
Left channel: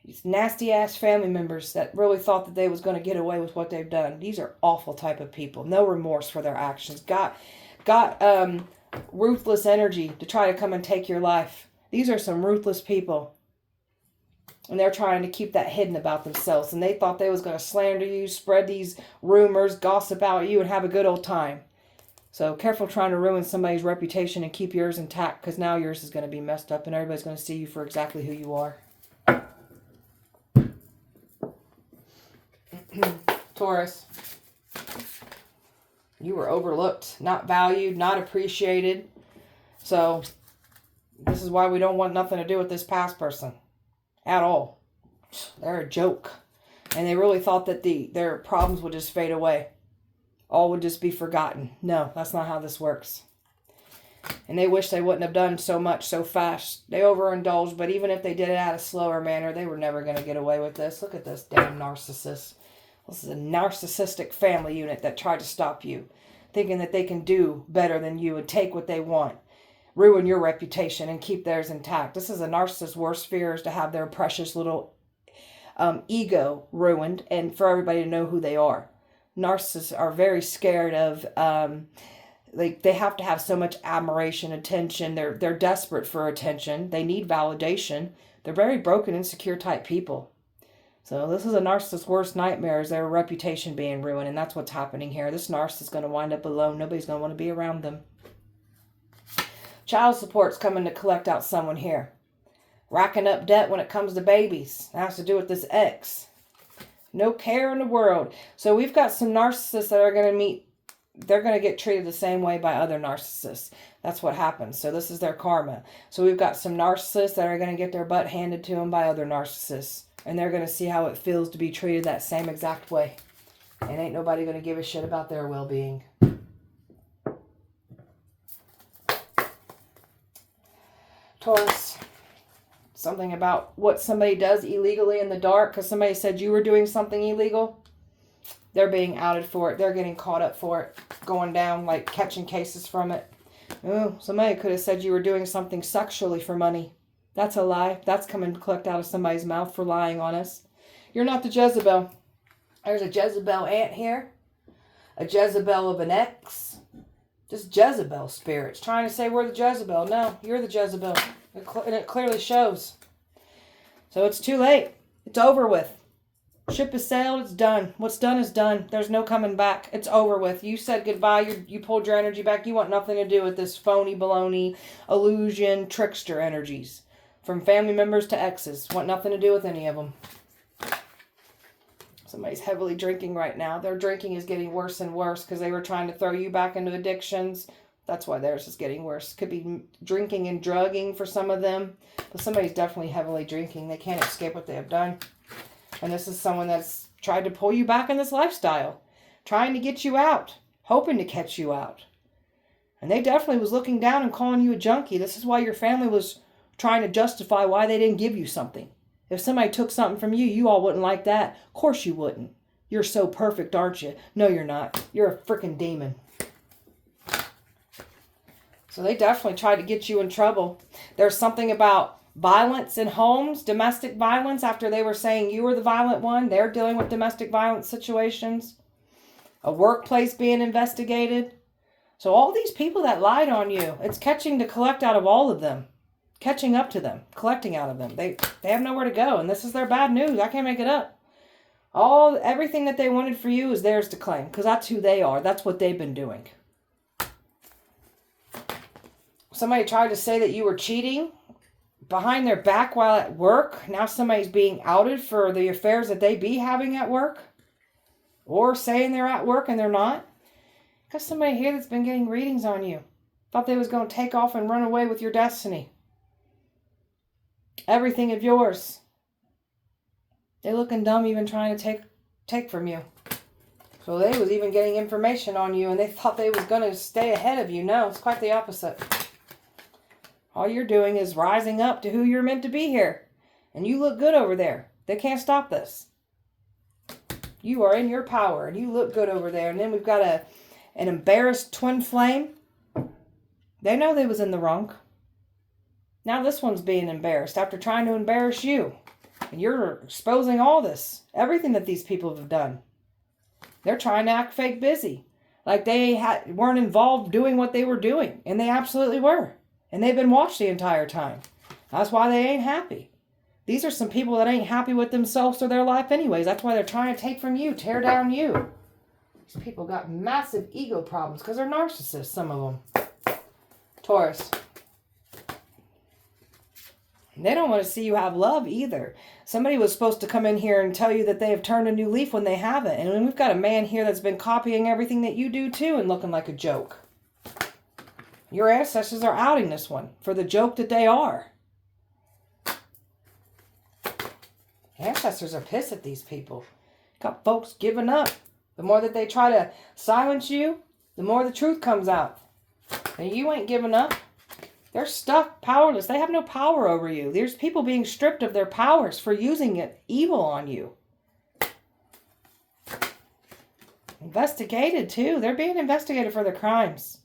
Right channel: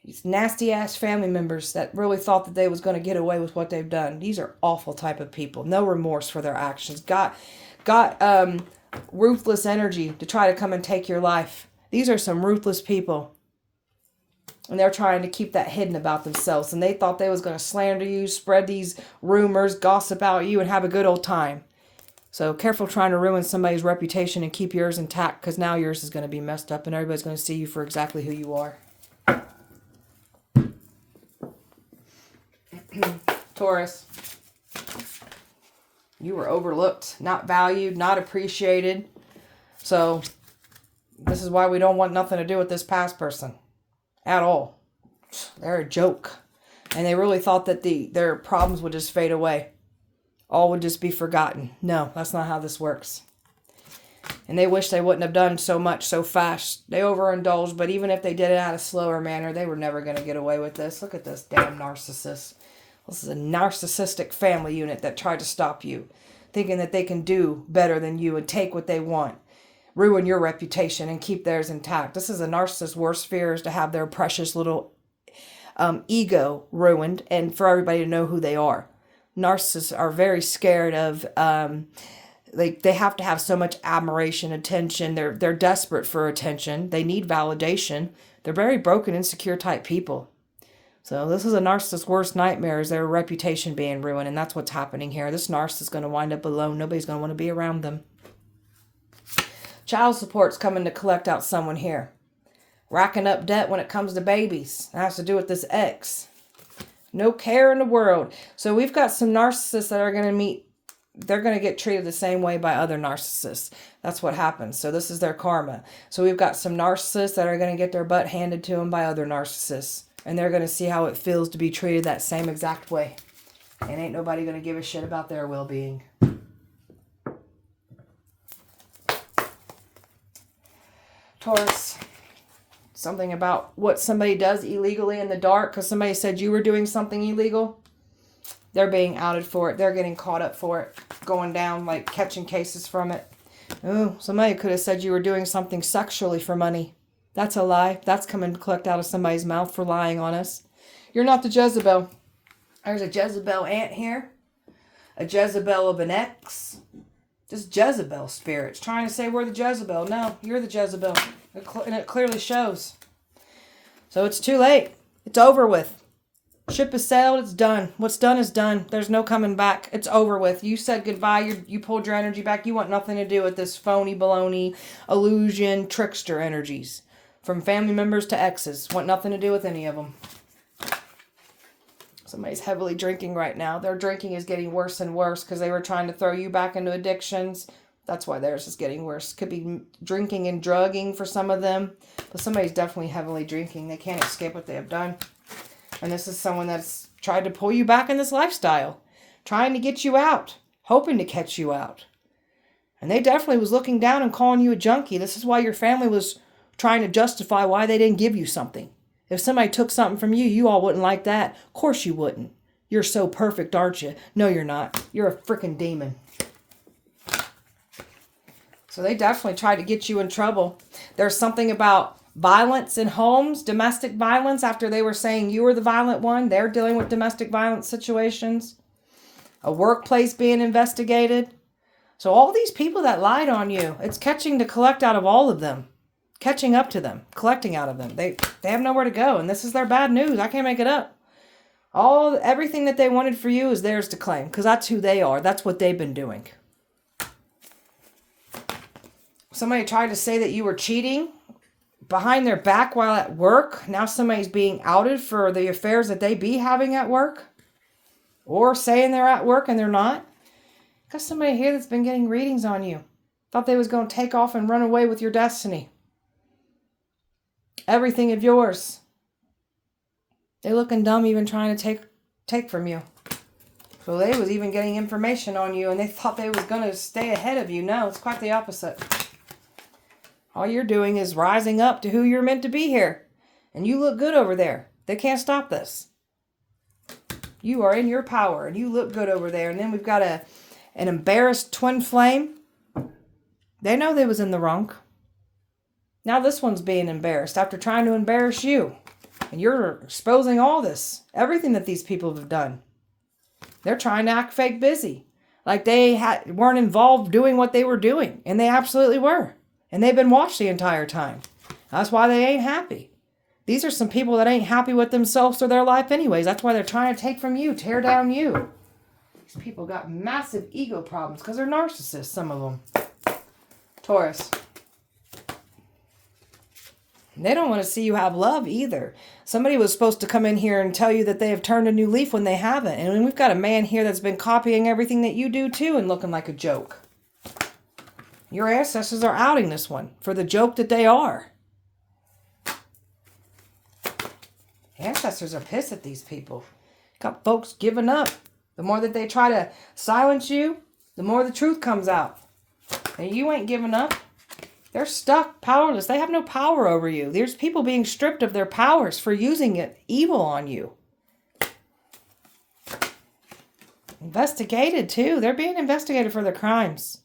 These nasty ass family members that really thought that they was going to get away with what they've done. These are awful type of people. No remorse for their actions. Got ruthless energy to try to come and take your life. These are some ruthless people. And they're trying to keep that hidden about themselves. And they thought they was going to slander you, spread these rumors, gossip about you, and have a good old time. So careful trying to ruin somebody's reputation and keep yours intact, because now yours is going to be messed up and everybody's going to see you for exactly who you are. Taurus, you were overlooked, not valued, not appreciated. So this is why we don't want nothing to do with this past person at all. They're a joke. And they really thought that their problems would just fade away. All would just be forgotten. No, that's not how this works. And they wish they wouldn't have done so much so fast. They overindulged, but even if they did it out of slower manner, they were never going to get away with this. Look at this damn narcissist. This is a narcissistic family unit that tried to stop you, thinking that they can do better than you and take what they want, ruin your reputation and keep theirs intact. This is a narcissist's worst fear, is to have their precious little ego ruined and for everybody to know who they are. Narcissists are very scared of, they have to have so much admiration, attention. They're desperate for attention. They need validation. They're very broken, insecure type people. So this is a narcissist's worst nightmare, is their reputation being ruined. And that's what's happening here. This narcissist is going to wind up alone. Nobody's going to want to be around them. Child support's coming to collect out someone here. Racking up debt when it comes to babies. That has to do with this ex. No care in the world. So we've got some narcissists that are going to meet. They're going to get treated the same way by other narcissists. That's what happens. So this is their karma. So we've got some narcissists that are going to get their butt handed to them by other narcissists. And they're going to see how it feels to be treated that same exact way. And ain't nobody going to give a shit about their well-being. Taurus. Something about what somebody does illegally in the dark, because somebody said you were doing something illegal. They're being outed for it. They're getting caught up for it. Going down, like catching cases from it. Oh, somebody could have said you were doing something sexually for money. That's a lie. That's coming to collect out of somebody's mouth for lying on us. You're not the Jezebel. There's a Jezebel aunt here. A Jezebel of an ex. Just Jezebel spirits trying to say we're the Jezebel. No, you're the Jezebel. And it clearly shows. So it's too late. It's over with. Ship has sailed. It's done. What's done is done. There's no coming back. It's over with. You said goodbye. You pulled your energy back. You want nothing to do with this phony, baloney, illusion, trickster energies. From family members to exes. Want nothing to do with any of them. Somebody's heavily drinking right now. Their drinking is getting worse and worse because they were trying to throw you back into addictions. That's why theirs is getting worse. Could be drinking and drugging for some of them. But somebody's definitely heavily drinking. They can't escape what they have done. And this is someone that's tried to pull you back in this lifestyle. Trying to get you out. Hoping to catch you out. And they definitely was looking down and calling you a junkie. This is why your family was trying to justify why they didn't give you something. If somebody took something from you, you all wouldn't like that. Of course you wouldn't. You're so perfect, aren't you? No, you're not. You're a freaking demon. So they definitely tried to get you in trouble. There's something about violence in homes, domestic violence, after they were saying you were the violent one. They're dealing with domestic violence situations. A workplace being investigated. So all these people that lied on you, it's catching to collect out of all of them. Catching up to them, collecting out of them. They have nowhere to go, and this is their bad news. I can't make it up. Everything that they wanted for you is theirs to claim, because that's who they are. That's what they've been doing. Somebody tried to say that you were cheating behind their back while at work. Now somebody's being outed for the affairs that they be having at work. Or saying they're at work and they're not. Because somebody here that's been getting readings on you. Thought they was going to take off and run away with your destiny. Everything of yours. They looking dumb even trying to take from you. So they was even getting information on you and they thought they was going to stay ahead of you. No, it's quite the opposite. All you're doing is rising up to who you're meant to be here. And you look good over there. They can't stop this. You are in your power and you look good over there. And then we've got an embarrassed twin flame They know they was in the wrong. Now this one's being embarrassed after trying to embarrass you. And you're exposing all this. Everything that these people have done. They're trying to act fake busy. Like they weren't involved doing what they were doing. And they absolutely were. And they've been watched the entire time. That's why they ain't happy. These are some people that ain't happy with themselves or their life anyways. That's why they're trying to take from you, tear down you. These people got massive ego problems because they're narcissists, some of them. Taurus. They don't want to see you have love either. Somebody was supposed to come in here and tell you that they have turned a new leaf when they haven't. And we've got a man here that's been copying everything that you do too and looking like a joke. Your ancestors are outing this one for the joke that they are. Ancestors are pissed at these people. Got folks giving up. The more that they try to silence you, the more the truth comes out. And you ain't giving up. They're stuck, powerless. They have no power over you. There's people being stripped of their powers for using it evil on you. Investigated, too. They're being investigated for their crimes.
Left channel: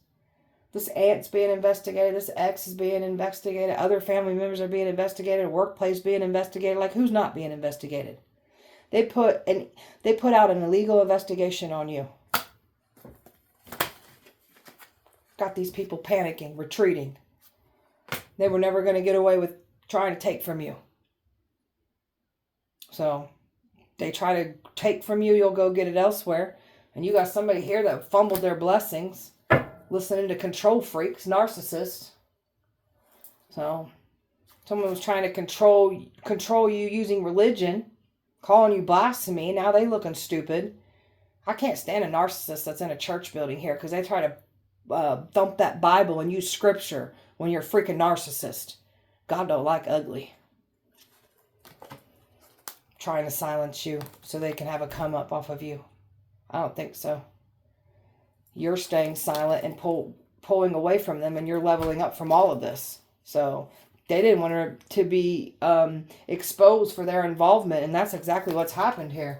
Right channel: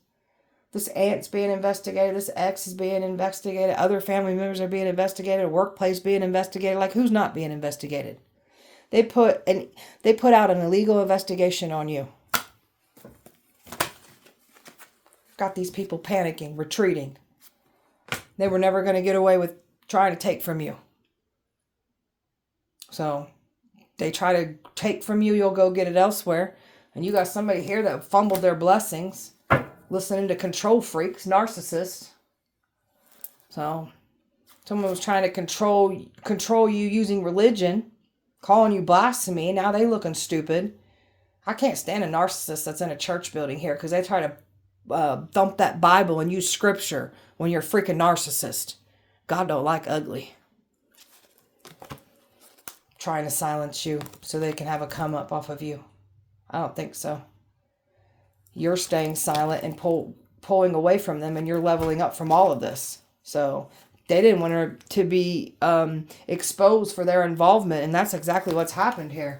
This aunt's being investigated. This ex is being investigated. Other family members are being investigated. A workplace being investigated. Like, who's not being investigated? They put out an illegal investigation on you. Got these people panicking, retreating. They were never going to get away with trying to take from you. So they try to take from you, you'll go get it elsewhere. And you got somebody here that fumbled their blessings, listening to control freaks, narcissists. So someone was trying to control you using religion, calling you blasphemy. Now they looking stupid. I can't stand a narcissist that's in a church building here because they try to thump that Bible and use scripture when you're a freaking narcissist. God don't like ugly. Trying to silence you so they can have a come up off of you. I don't think so. You're staying silent and pulling away from them, and you're leveling up from all of this. So they didn't want her to be exposed for their involvement, and that's exactly what's happened here.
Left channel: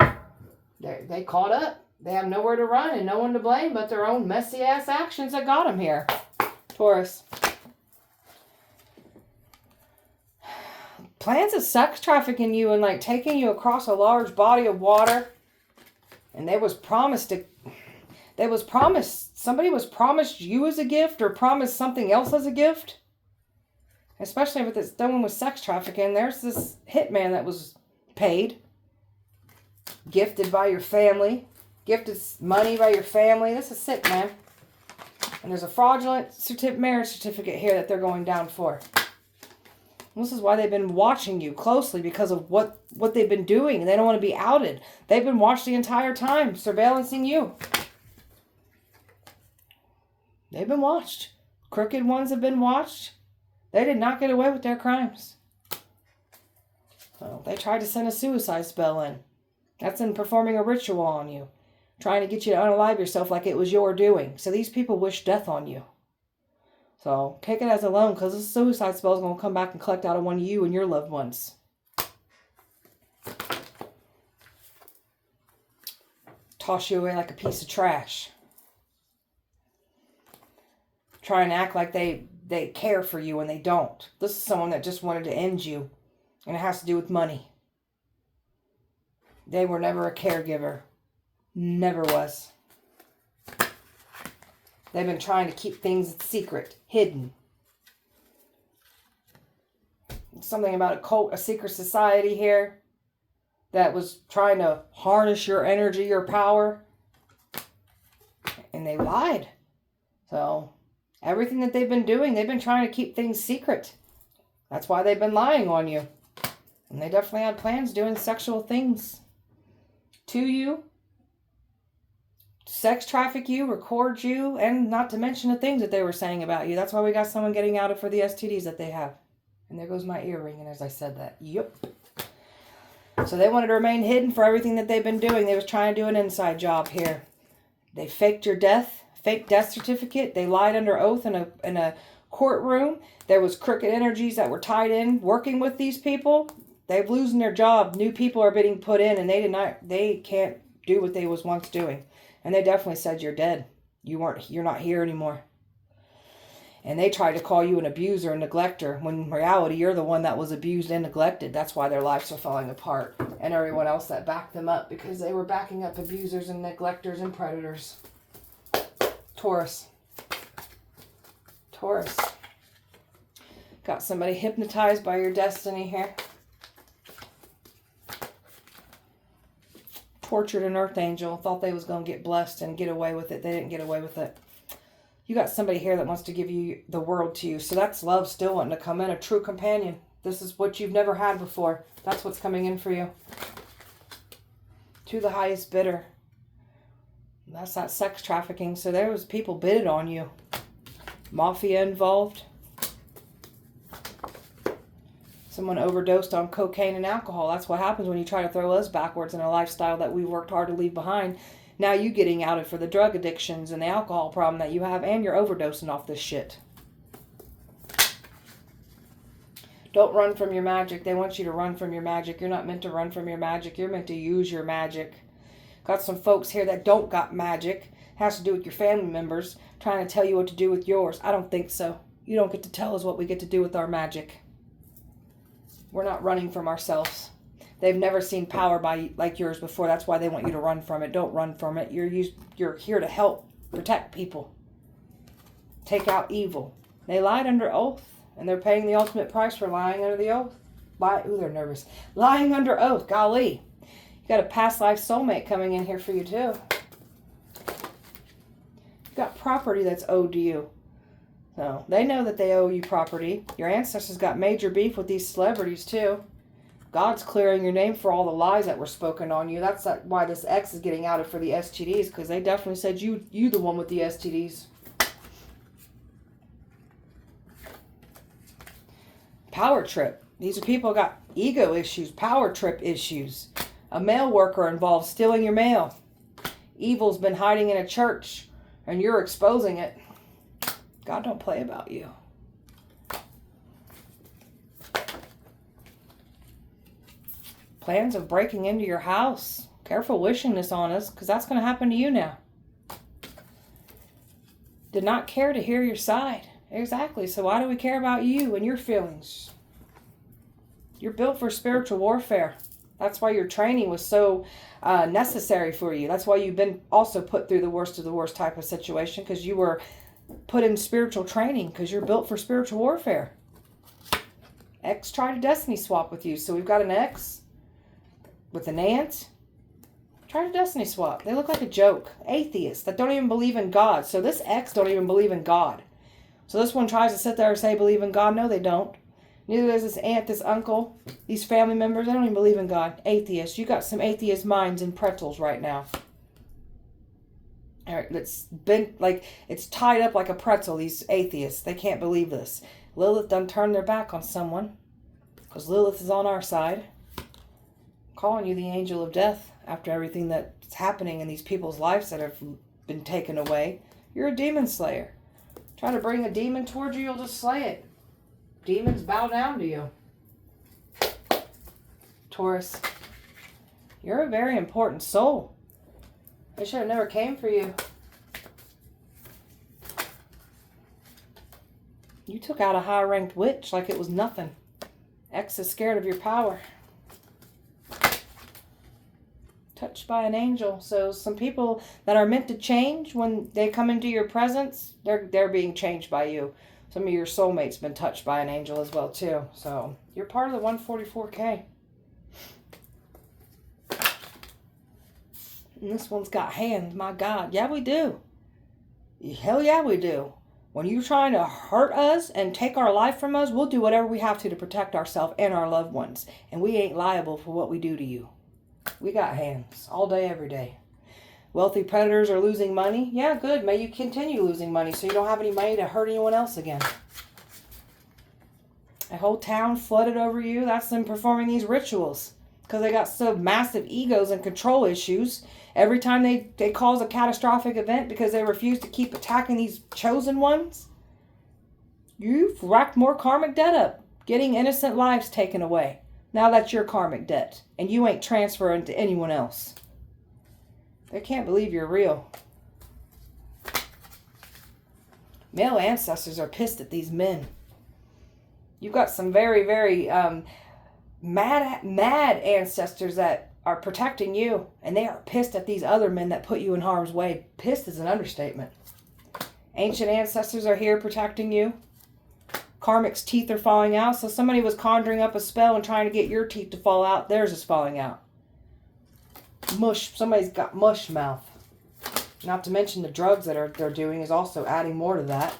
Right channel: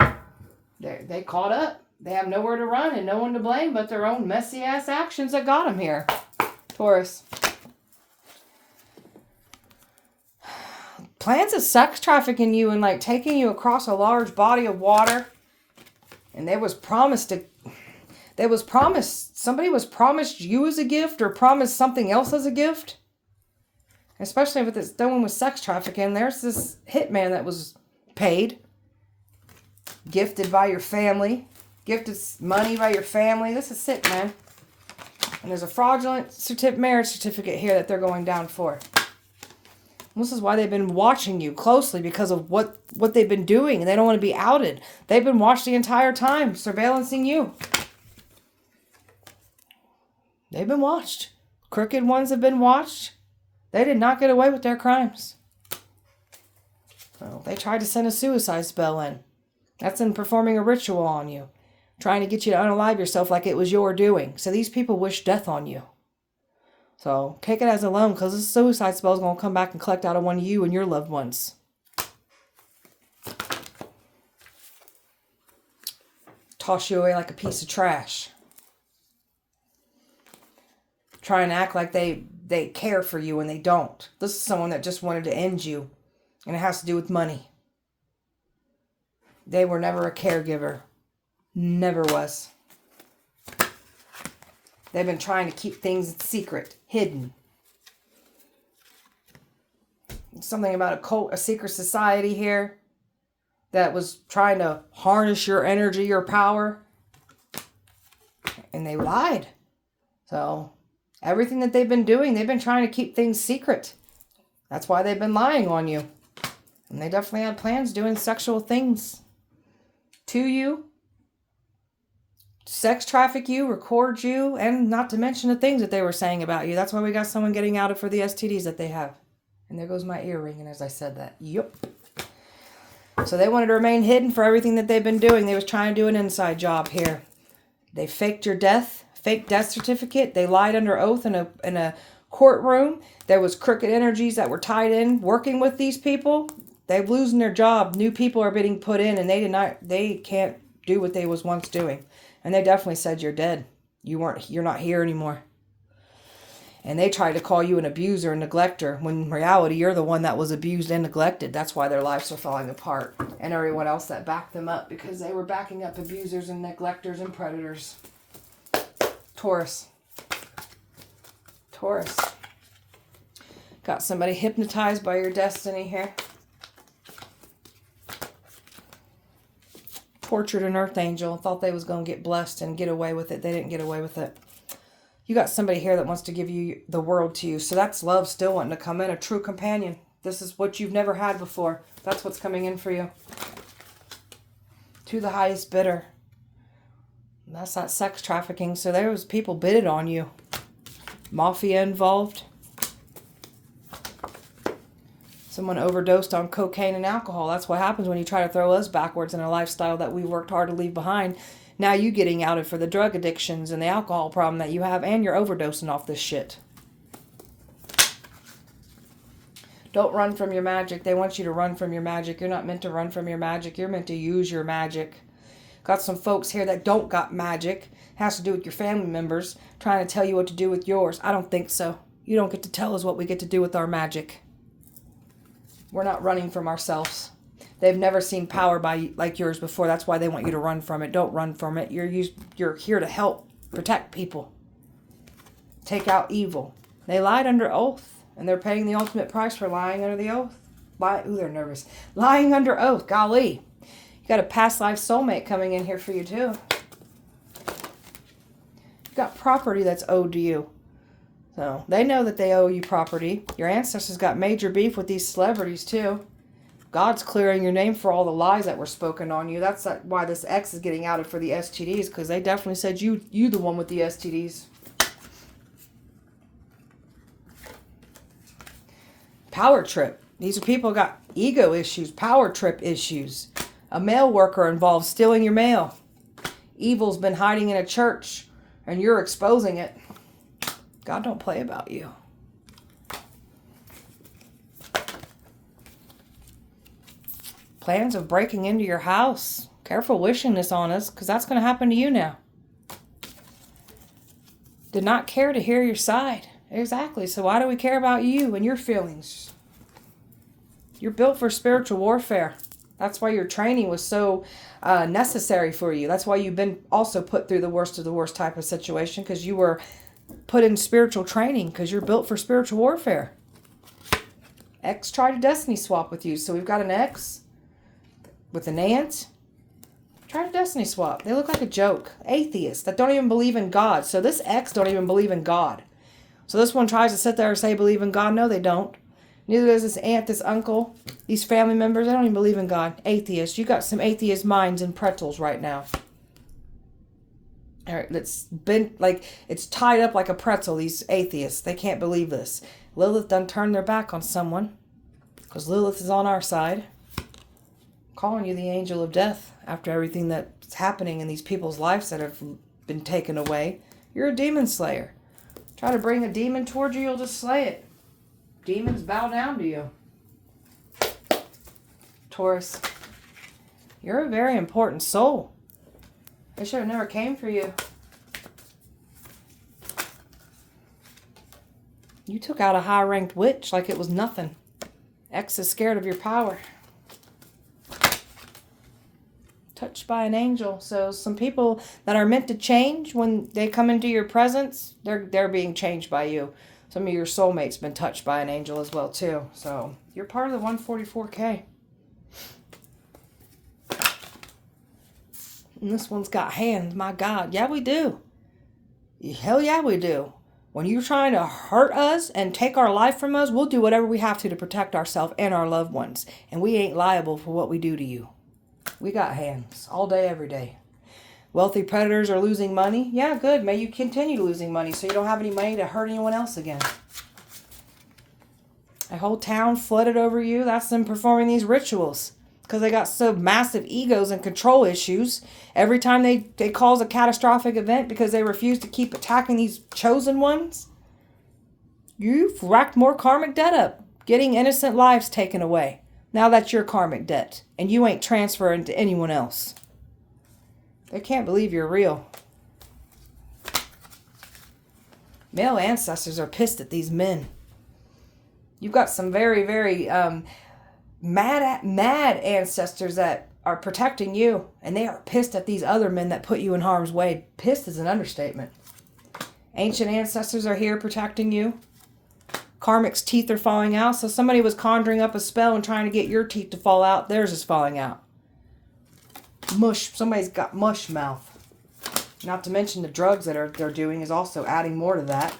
They caught up. They have nowhere to run and no one to blame but their own messy-ass actions that got them here. Taurus. Plans of sex trafficking you and like taking you across a large body of water. And somebody was promised you as a gift or promised something else as a gift. Especially if it's done with sex trafficking. There's this hitman that was paid. Gifted by your family. Gifted money by your family. This is sick, man. And there's a fraudulent marriage certificate here that they're going down for. And this is why they've been watching you closely because of what they've been doing. They don't want to be outed. They've been watched the entire time, surveillancing you. They've been watched. Crooked ones have been watched. They did not get away with their crimes. Well, they tried to send a suicide spell in. That's in performing a ritual on you. Trying to get you to unalive yourself like it was your doing. So these people wish death on you. So take it as a loan because this suicide spell is going to come back and collect out of one of you and your loved ones. Toss you away like a piece of trash. Try and act like they care for you when they don't. This is someone that just wanted to end you. And it has to do with money. They were never a caregiver. Never was. They've been trying to keep things secret, hidden. Something about a cult, a secret society here that was trying to harness your energy, your power. And they lied. So everything that they've been doing, they've been trying to keep things secret. That's why they've been lying on you. And they definitely had plans doing sexual things to you. Sex traffic you, record you, and not to mention the things that they were saying about you. That's why we got someone getting outed for the STDs that they have. And there goes my ear ringing as I said that. Yup. So they wanted to remain hidden for everything that they've been doing. They was trying to do an inside job here. They faked your death, fake death certificate. They lied under oath in a courtroom. There was crooked energies that were tied in working with these people. They're losing their job. New people are being put in, and they can't do what they was once doing. And they definitely said you're dead. You're not here anymore. And they tried to call you an abuser and neglector, when in reality, you're the one that was abused and neglected. That's why their lives are falling apart. And everyone else that backed them up, because they were backing up abusers and neglectors and predators. Taurus. Taurus. Got somebody hypnotized by your destiny here. Tortured an earth angel. Thought they was going to get blessed and get away with it. They didn't get away with it. You got somebody here that wants to give you the world to you. So that's love still wanting to come in. A true companion. This is what you've never had before. That's what's coming in for you. To the highest bidder. That's not sex trafficking. So there was people bidded on you. Mafia involved. Someone overdosed on cocaine and alcohol. That's what happens when you try to throw us backwards in a lifestyle that we worked hard to leave behind. Now you getting outed for the drug addictions and the alcohol problem that you have, and you're overdosing off this shit. Don't run from your magic. They want you to run from your magic. You're not meant to run from your magic. You're meant to use your magic. Got some folks here that don't got magic. It has to do with your family members trying to tell you what to do with yours. I don't think so. You don't get to tell us what we get to do with our magic. We're not running from ourselves. They've never seen power like yours before. That's why they want you to run from it. Don't run from it. You're here to help protect people. Take out evil. They lied under oath, and they're paying the ultimate price for lying under the oath. Ooh, they're nervous. Lying under oath. Golly. You got a past life soulmate coming in here for you, too. You got property that's owed to you. So they know that they owe you property. Your ancestors got major beef with these celebrities, too. God's clearing your name for all the lies that were spoken on you. That's why this ex is getting outed for the STDs, because they definitely said you the one with the STDs. Power trip. These are people who got ego issues, power trip issues. A mail worker involved stealing your mail. Evil's been hiding in a church, and you're exposing it. God don't play about you. Plans of breaking into your house. Careful wishing this on us, because that's going to happen to you now. Did not care to hear your side. Exactly. So why do we care about you and your feelings? You're built for spiritual warfare. That's why your training was so necessary for you. That's why you've been also put through the worst of the worst type of situation, because you were put in spiritual training, because you're built for spiritual warfare. Ex tried a destiny swap with you. So we've got an ex with an aunt. Try a destiny swap. They look like a joke. Atheists that don't even believe in God. So this ex don't even believe in God. So this one tries to sit there and say believe in God. No, they don't. Neither does this aunt, this uncle, these family members. They don't even believe in God. Atheists. You got some atheist minds and pretzels right now. It's been like, it's tied up like a pretzel, these atheists. They can't believe this. Lilith done turned their back on someone, because Lilith is on our side. Calling you the angel of death after everything that's happening in these people's lives that have been taken away. You're a demon slayer. Try to bring a demon towards you, you'll just slay it. Demons bow down to you. Taurus, you're a very important soul. I should have never came for you. You took out a high-ranked witch like it was nothing. Ex is scared of your power. Touched by an angel. So some people that are meant to change, when they come into your presence, they're being changed by you. Some of your soulmates been touched by an angel as well too. So you're part of the 144K. And this one's got hands. My God. Yeah, we do. Hell yeah, we do. When you're trying to hurt us and take our life from us, we'll do whatever we have to protect ourselves and our loved ones. And we ain't liable for what we do to you. We got hands all day, every day. Wealthy predators are losing money. Yeah, good. May you continue losing money so you don't have any money to hurt anyone else again. A whole town flooded over you. That's them performing these rituals. Because they got so massive egos and control issues. Every time they cause a catastrophic event because they refuse to keep attacking these chosen ones. You've racked more karmic debt up. Getting innocent lives taken away. Now that's your karmic debt. And you ain't transferring to anyone else. They can't believe you're real. Male ancestors are pissed at these men. You've got some very, very mad ancestors that are protecting you, and they are pissed at these other men that put you in harm's way. Pissed is an understatement. Ancient ancestors are here protecting you. Karmic's teeth are falling out, so somebody was conjuring up a spell and trying to get your teeth to fall out. Theirs is falling out. Mush. Somebody's got mush mouth. Not to mention the drugs that they're doing is also adding more to that.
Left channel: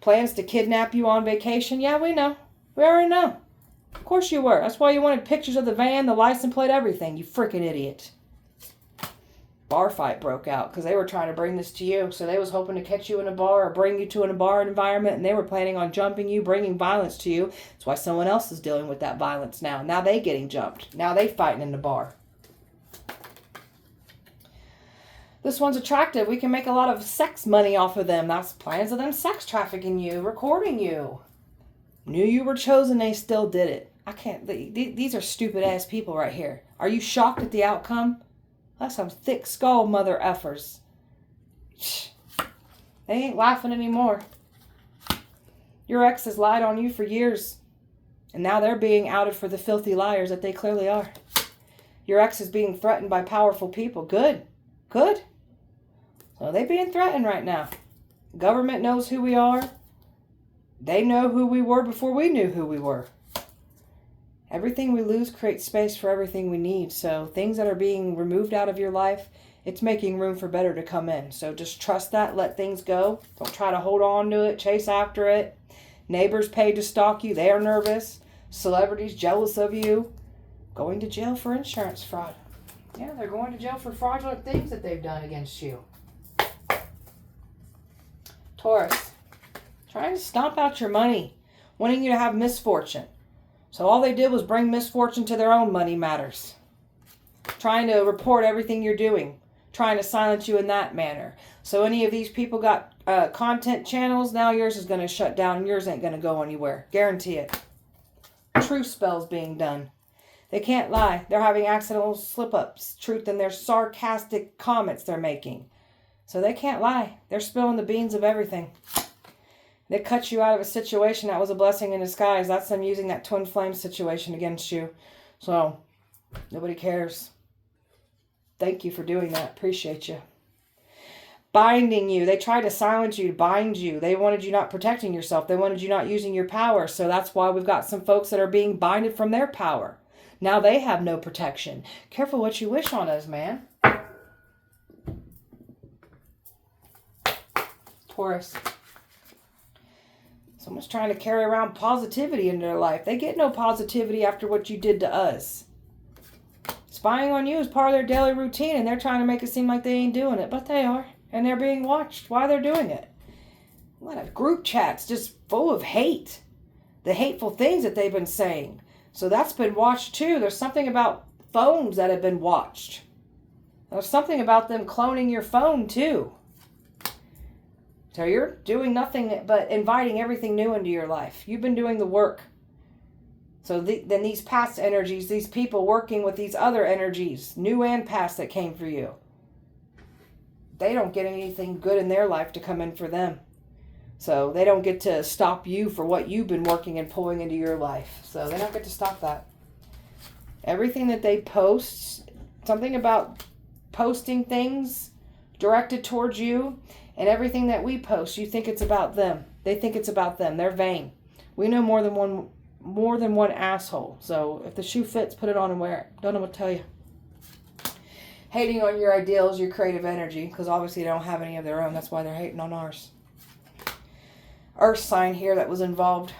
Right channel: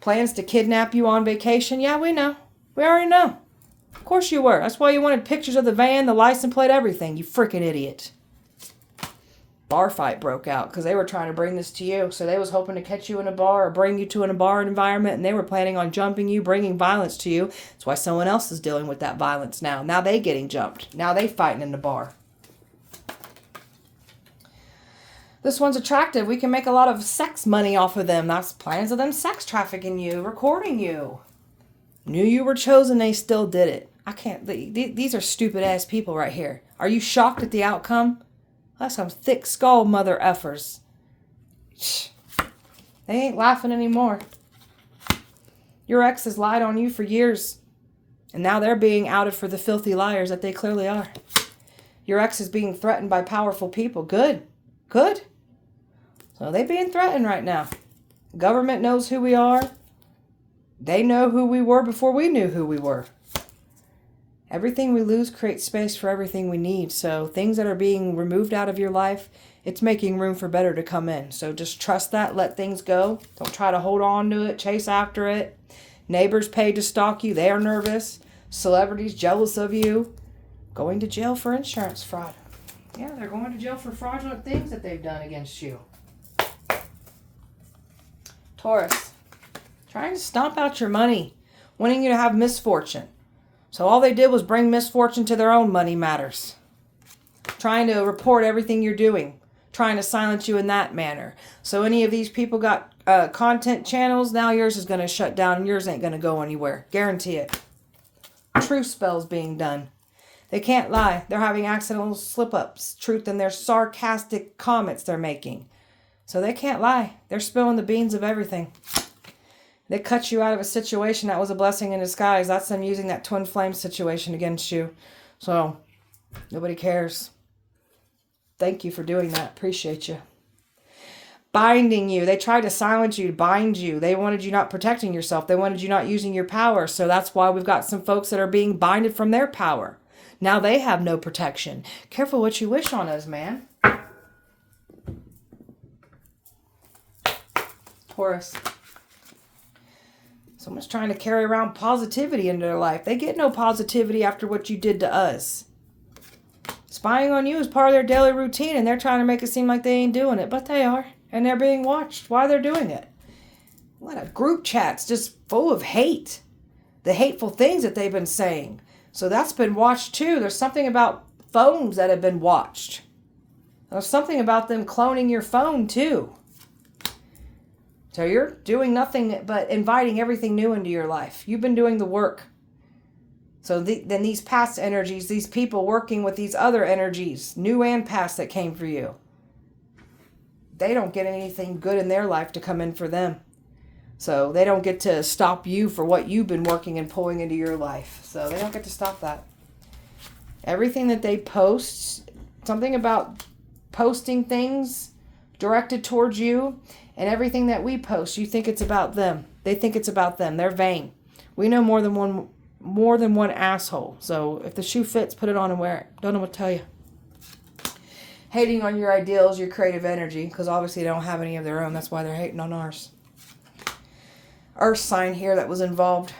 Plans to kidnap you on vacation? Yeah, we know. We already know. Of course you were. That's why you wanted pictures of the van, the license plate, everything. You freaking idiot. Bar fight broke out because they were trying to bring this to you. So they was hoping to catch you in a bar or bring you to a bar environment, and they were planning on jumping you, bringing violence to you. That's why someone else is dealing with that violence now. Now they getting jumped. Now they fighting in the bar. This one's attractive. We can make a lot of sex money off of them. That's plans of them sex trafficking you, recording you. Knew you were chosen, they still did it. I can't. These are stupid ass people right here. Are you shocked at the outcome? That's some thick skull mother effers. They ain't laughing anymore. Your ex has lied on you for years, and now they're being outed for the filthy liars that they clearly are. Your ex is being threatened by powerful people. Good. Good. So they're being threatened right now. Government knows who we are. They know who we were before we knew who we were. Everything we lose creates space for everything we need. So things that are being removed out of your life, it's making room for better to come in. So just trust that. Let things go. Don't try to hold on to it. Chase after it. Neighbors paid to stalk you. They are nervous. Celebrities jealous of you. Going to jail for insurance fraud. Yeah, they're going to jail for fraudulent things that they've done against you. Taurus. Trying to stomp out your money. Wanting you to have misfortune. So all they did was bring misfortune to their own money matters. Trying to report everything you're doing. Trying to silence you in that manner. So any of these people got content channels, now yours is going to shut down and yours ain't going to go anywhere. Guarantee it. Truth spells being done. They can't lie. They're having accidental slip-ups. Truth in their sarcastic comments they're making. So they can't lie. They're spilling the beans of everything. They cut you out of a situation that was a blessing in disguise. That's them using that twin flame situation against you. So, nobody cares. Thank you for doing that. Appreciate you. Binding you. They tried to silence you, bind you. They wanted you not protecting yourself. They wanted you not using your power. So that's why we've got some folks that are being binded from their power. Now they have no protection. Careful what you wish on us, man. Taurus. Someone's trying to carry around positivity into their life. They get no positivity after what you did to us. Spying on you is part of their daily routine, and they're trying to make it seem like they ain't doing it, but they are. And they're being watched while they're doing it. What a group chat's just full of hate. The hateful things that they've been saying. So that's been watched too. There's something about phones that have been watched. There's something about them cloning your phone too. So you're doing nothing but inviting everything new into your life. You've been doing the work. So then these past energies, these people working with these other energies, new and past that came for you, they don't get anything good in their life to come in for them. So they don't get to stop you for what you've been working and pulling into your life. So they don't get to stop that. Everything that they post, something about posting things directed towards you, and everything that we post, you think it's about them. They think it's about them. They're vain. We know more than one asshole. So if the shoe fits, put it on and wear it. Don't know what to tell you. Hating on your ideals, your creative energy, because obviously they don't have any of their own. That's why they're hating on ours. Earth sign here that was involved.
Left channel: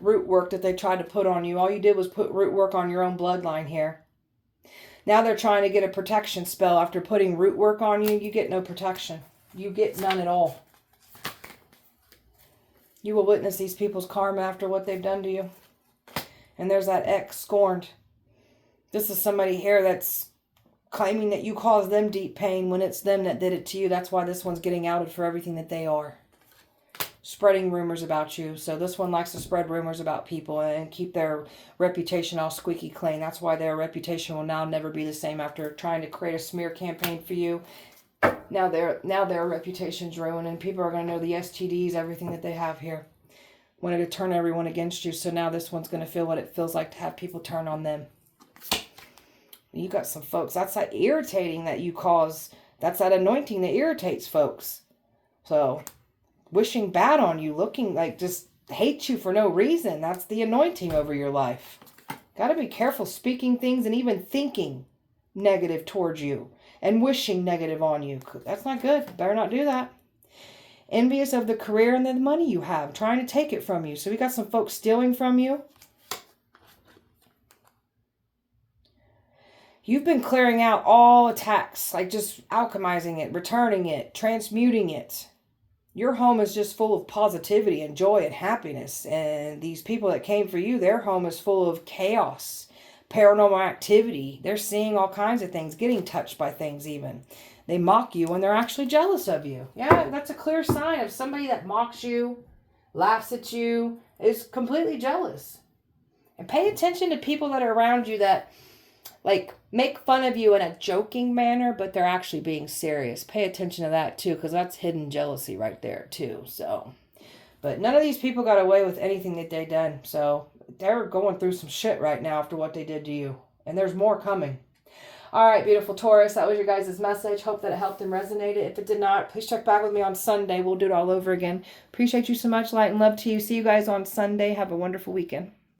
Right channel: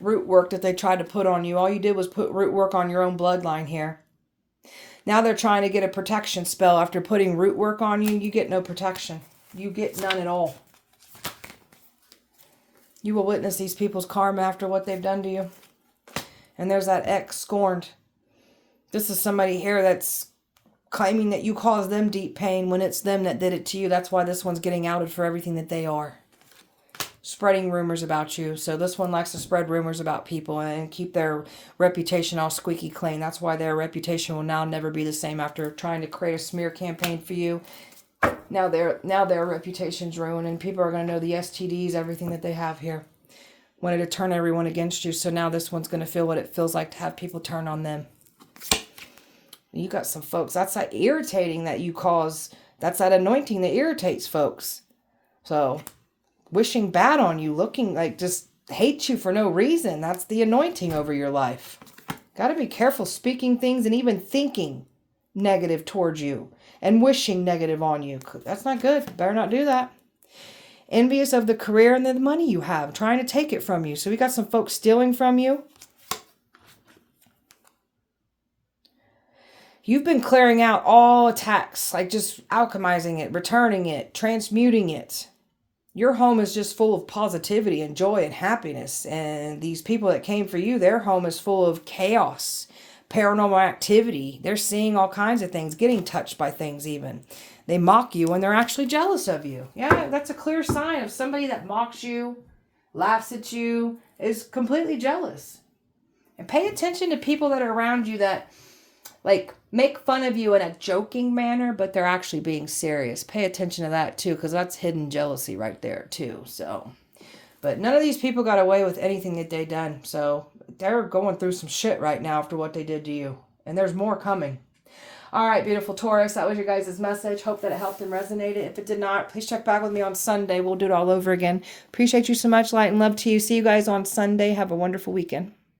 Root work that they tried to put on you. All you did was put root work on your own bloodline here. Now they're trying to get a protection spell. After putting root work on you, you get no protection. You get none at all. You will witness these people's karma after what they've done to you. And there's that ex scorned. This is somebody here that's claiming that you caused them deep pain when it's them that did it to you. That's why this one's getting outed for everything that they are. Spreading rumors about you. So this one likes to spread rumors about people and keep their reputation all squeaky clean. That's why their reputation will now never be the same after trying to create a smear campaign for you. Now their reputation's ruined, and people are going to know the STDs, everything that they have here. Wanted to turn everyone against you, so now this one's going to feel what it feels like to have people turn on them. You got some folks. That's that irritating that you cause. That's that anointing that irritates folks. So, wishing bad on you, looking like just hate you for no reason. That's the anointing over your life. Got to be careful speaking things and even thinking negative towards you and wishing negative on you. That's not good. Better not do that. Envious of the career and the money you have, trying to take it from you. So we got some folks stealing from you. You've been clearing out all attacks, like just alchemizing it, returning it, transmuting it. Your home is just full of positivity and joy and happiness. And these people that came for you, their home is full of chaos, paranormal activity. They're seeing all kinds of things, getting touched by things even. They mock you when they're actually jealous of you. Yeah, that's a clear sign of somebody that mocks you, laughs at you, is completely jealous. And pay attention to people that are around you that like make fun of you in a joking manner, but they're actually being serious. Pay attention to that too, because that's hidden jealousy right there too. So, but none of these people got away with anything that they done. So they're going through some shit right now after what they did to you. And there's more coming. All right, beautiful Taurus, that was your guys' message. Hope that it helped and resonated. If it did not, please check back with me on Sunday. We'll do it all over again. Appreciate you so much. Light and love to you. See you guys on Sunday. Have a wonderful weekend.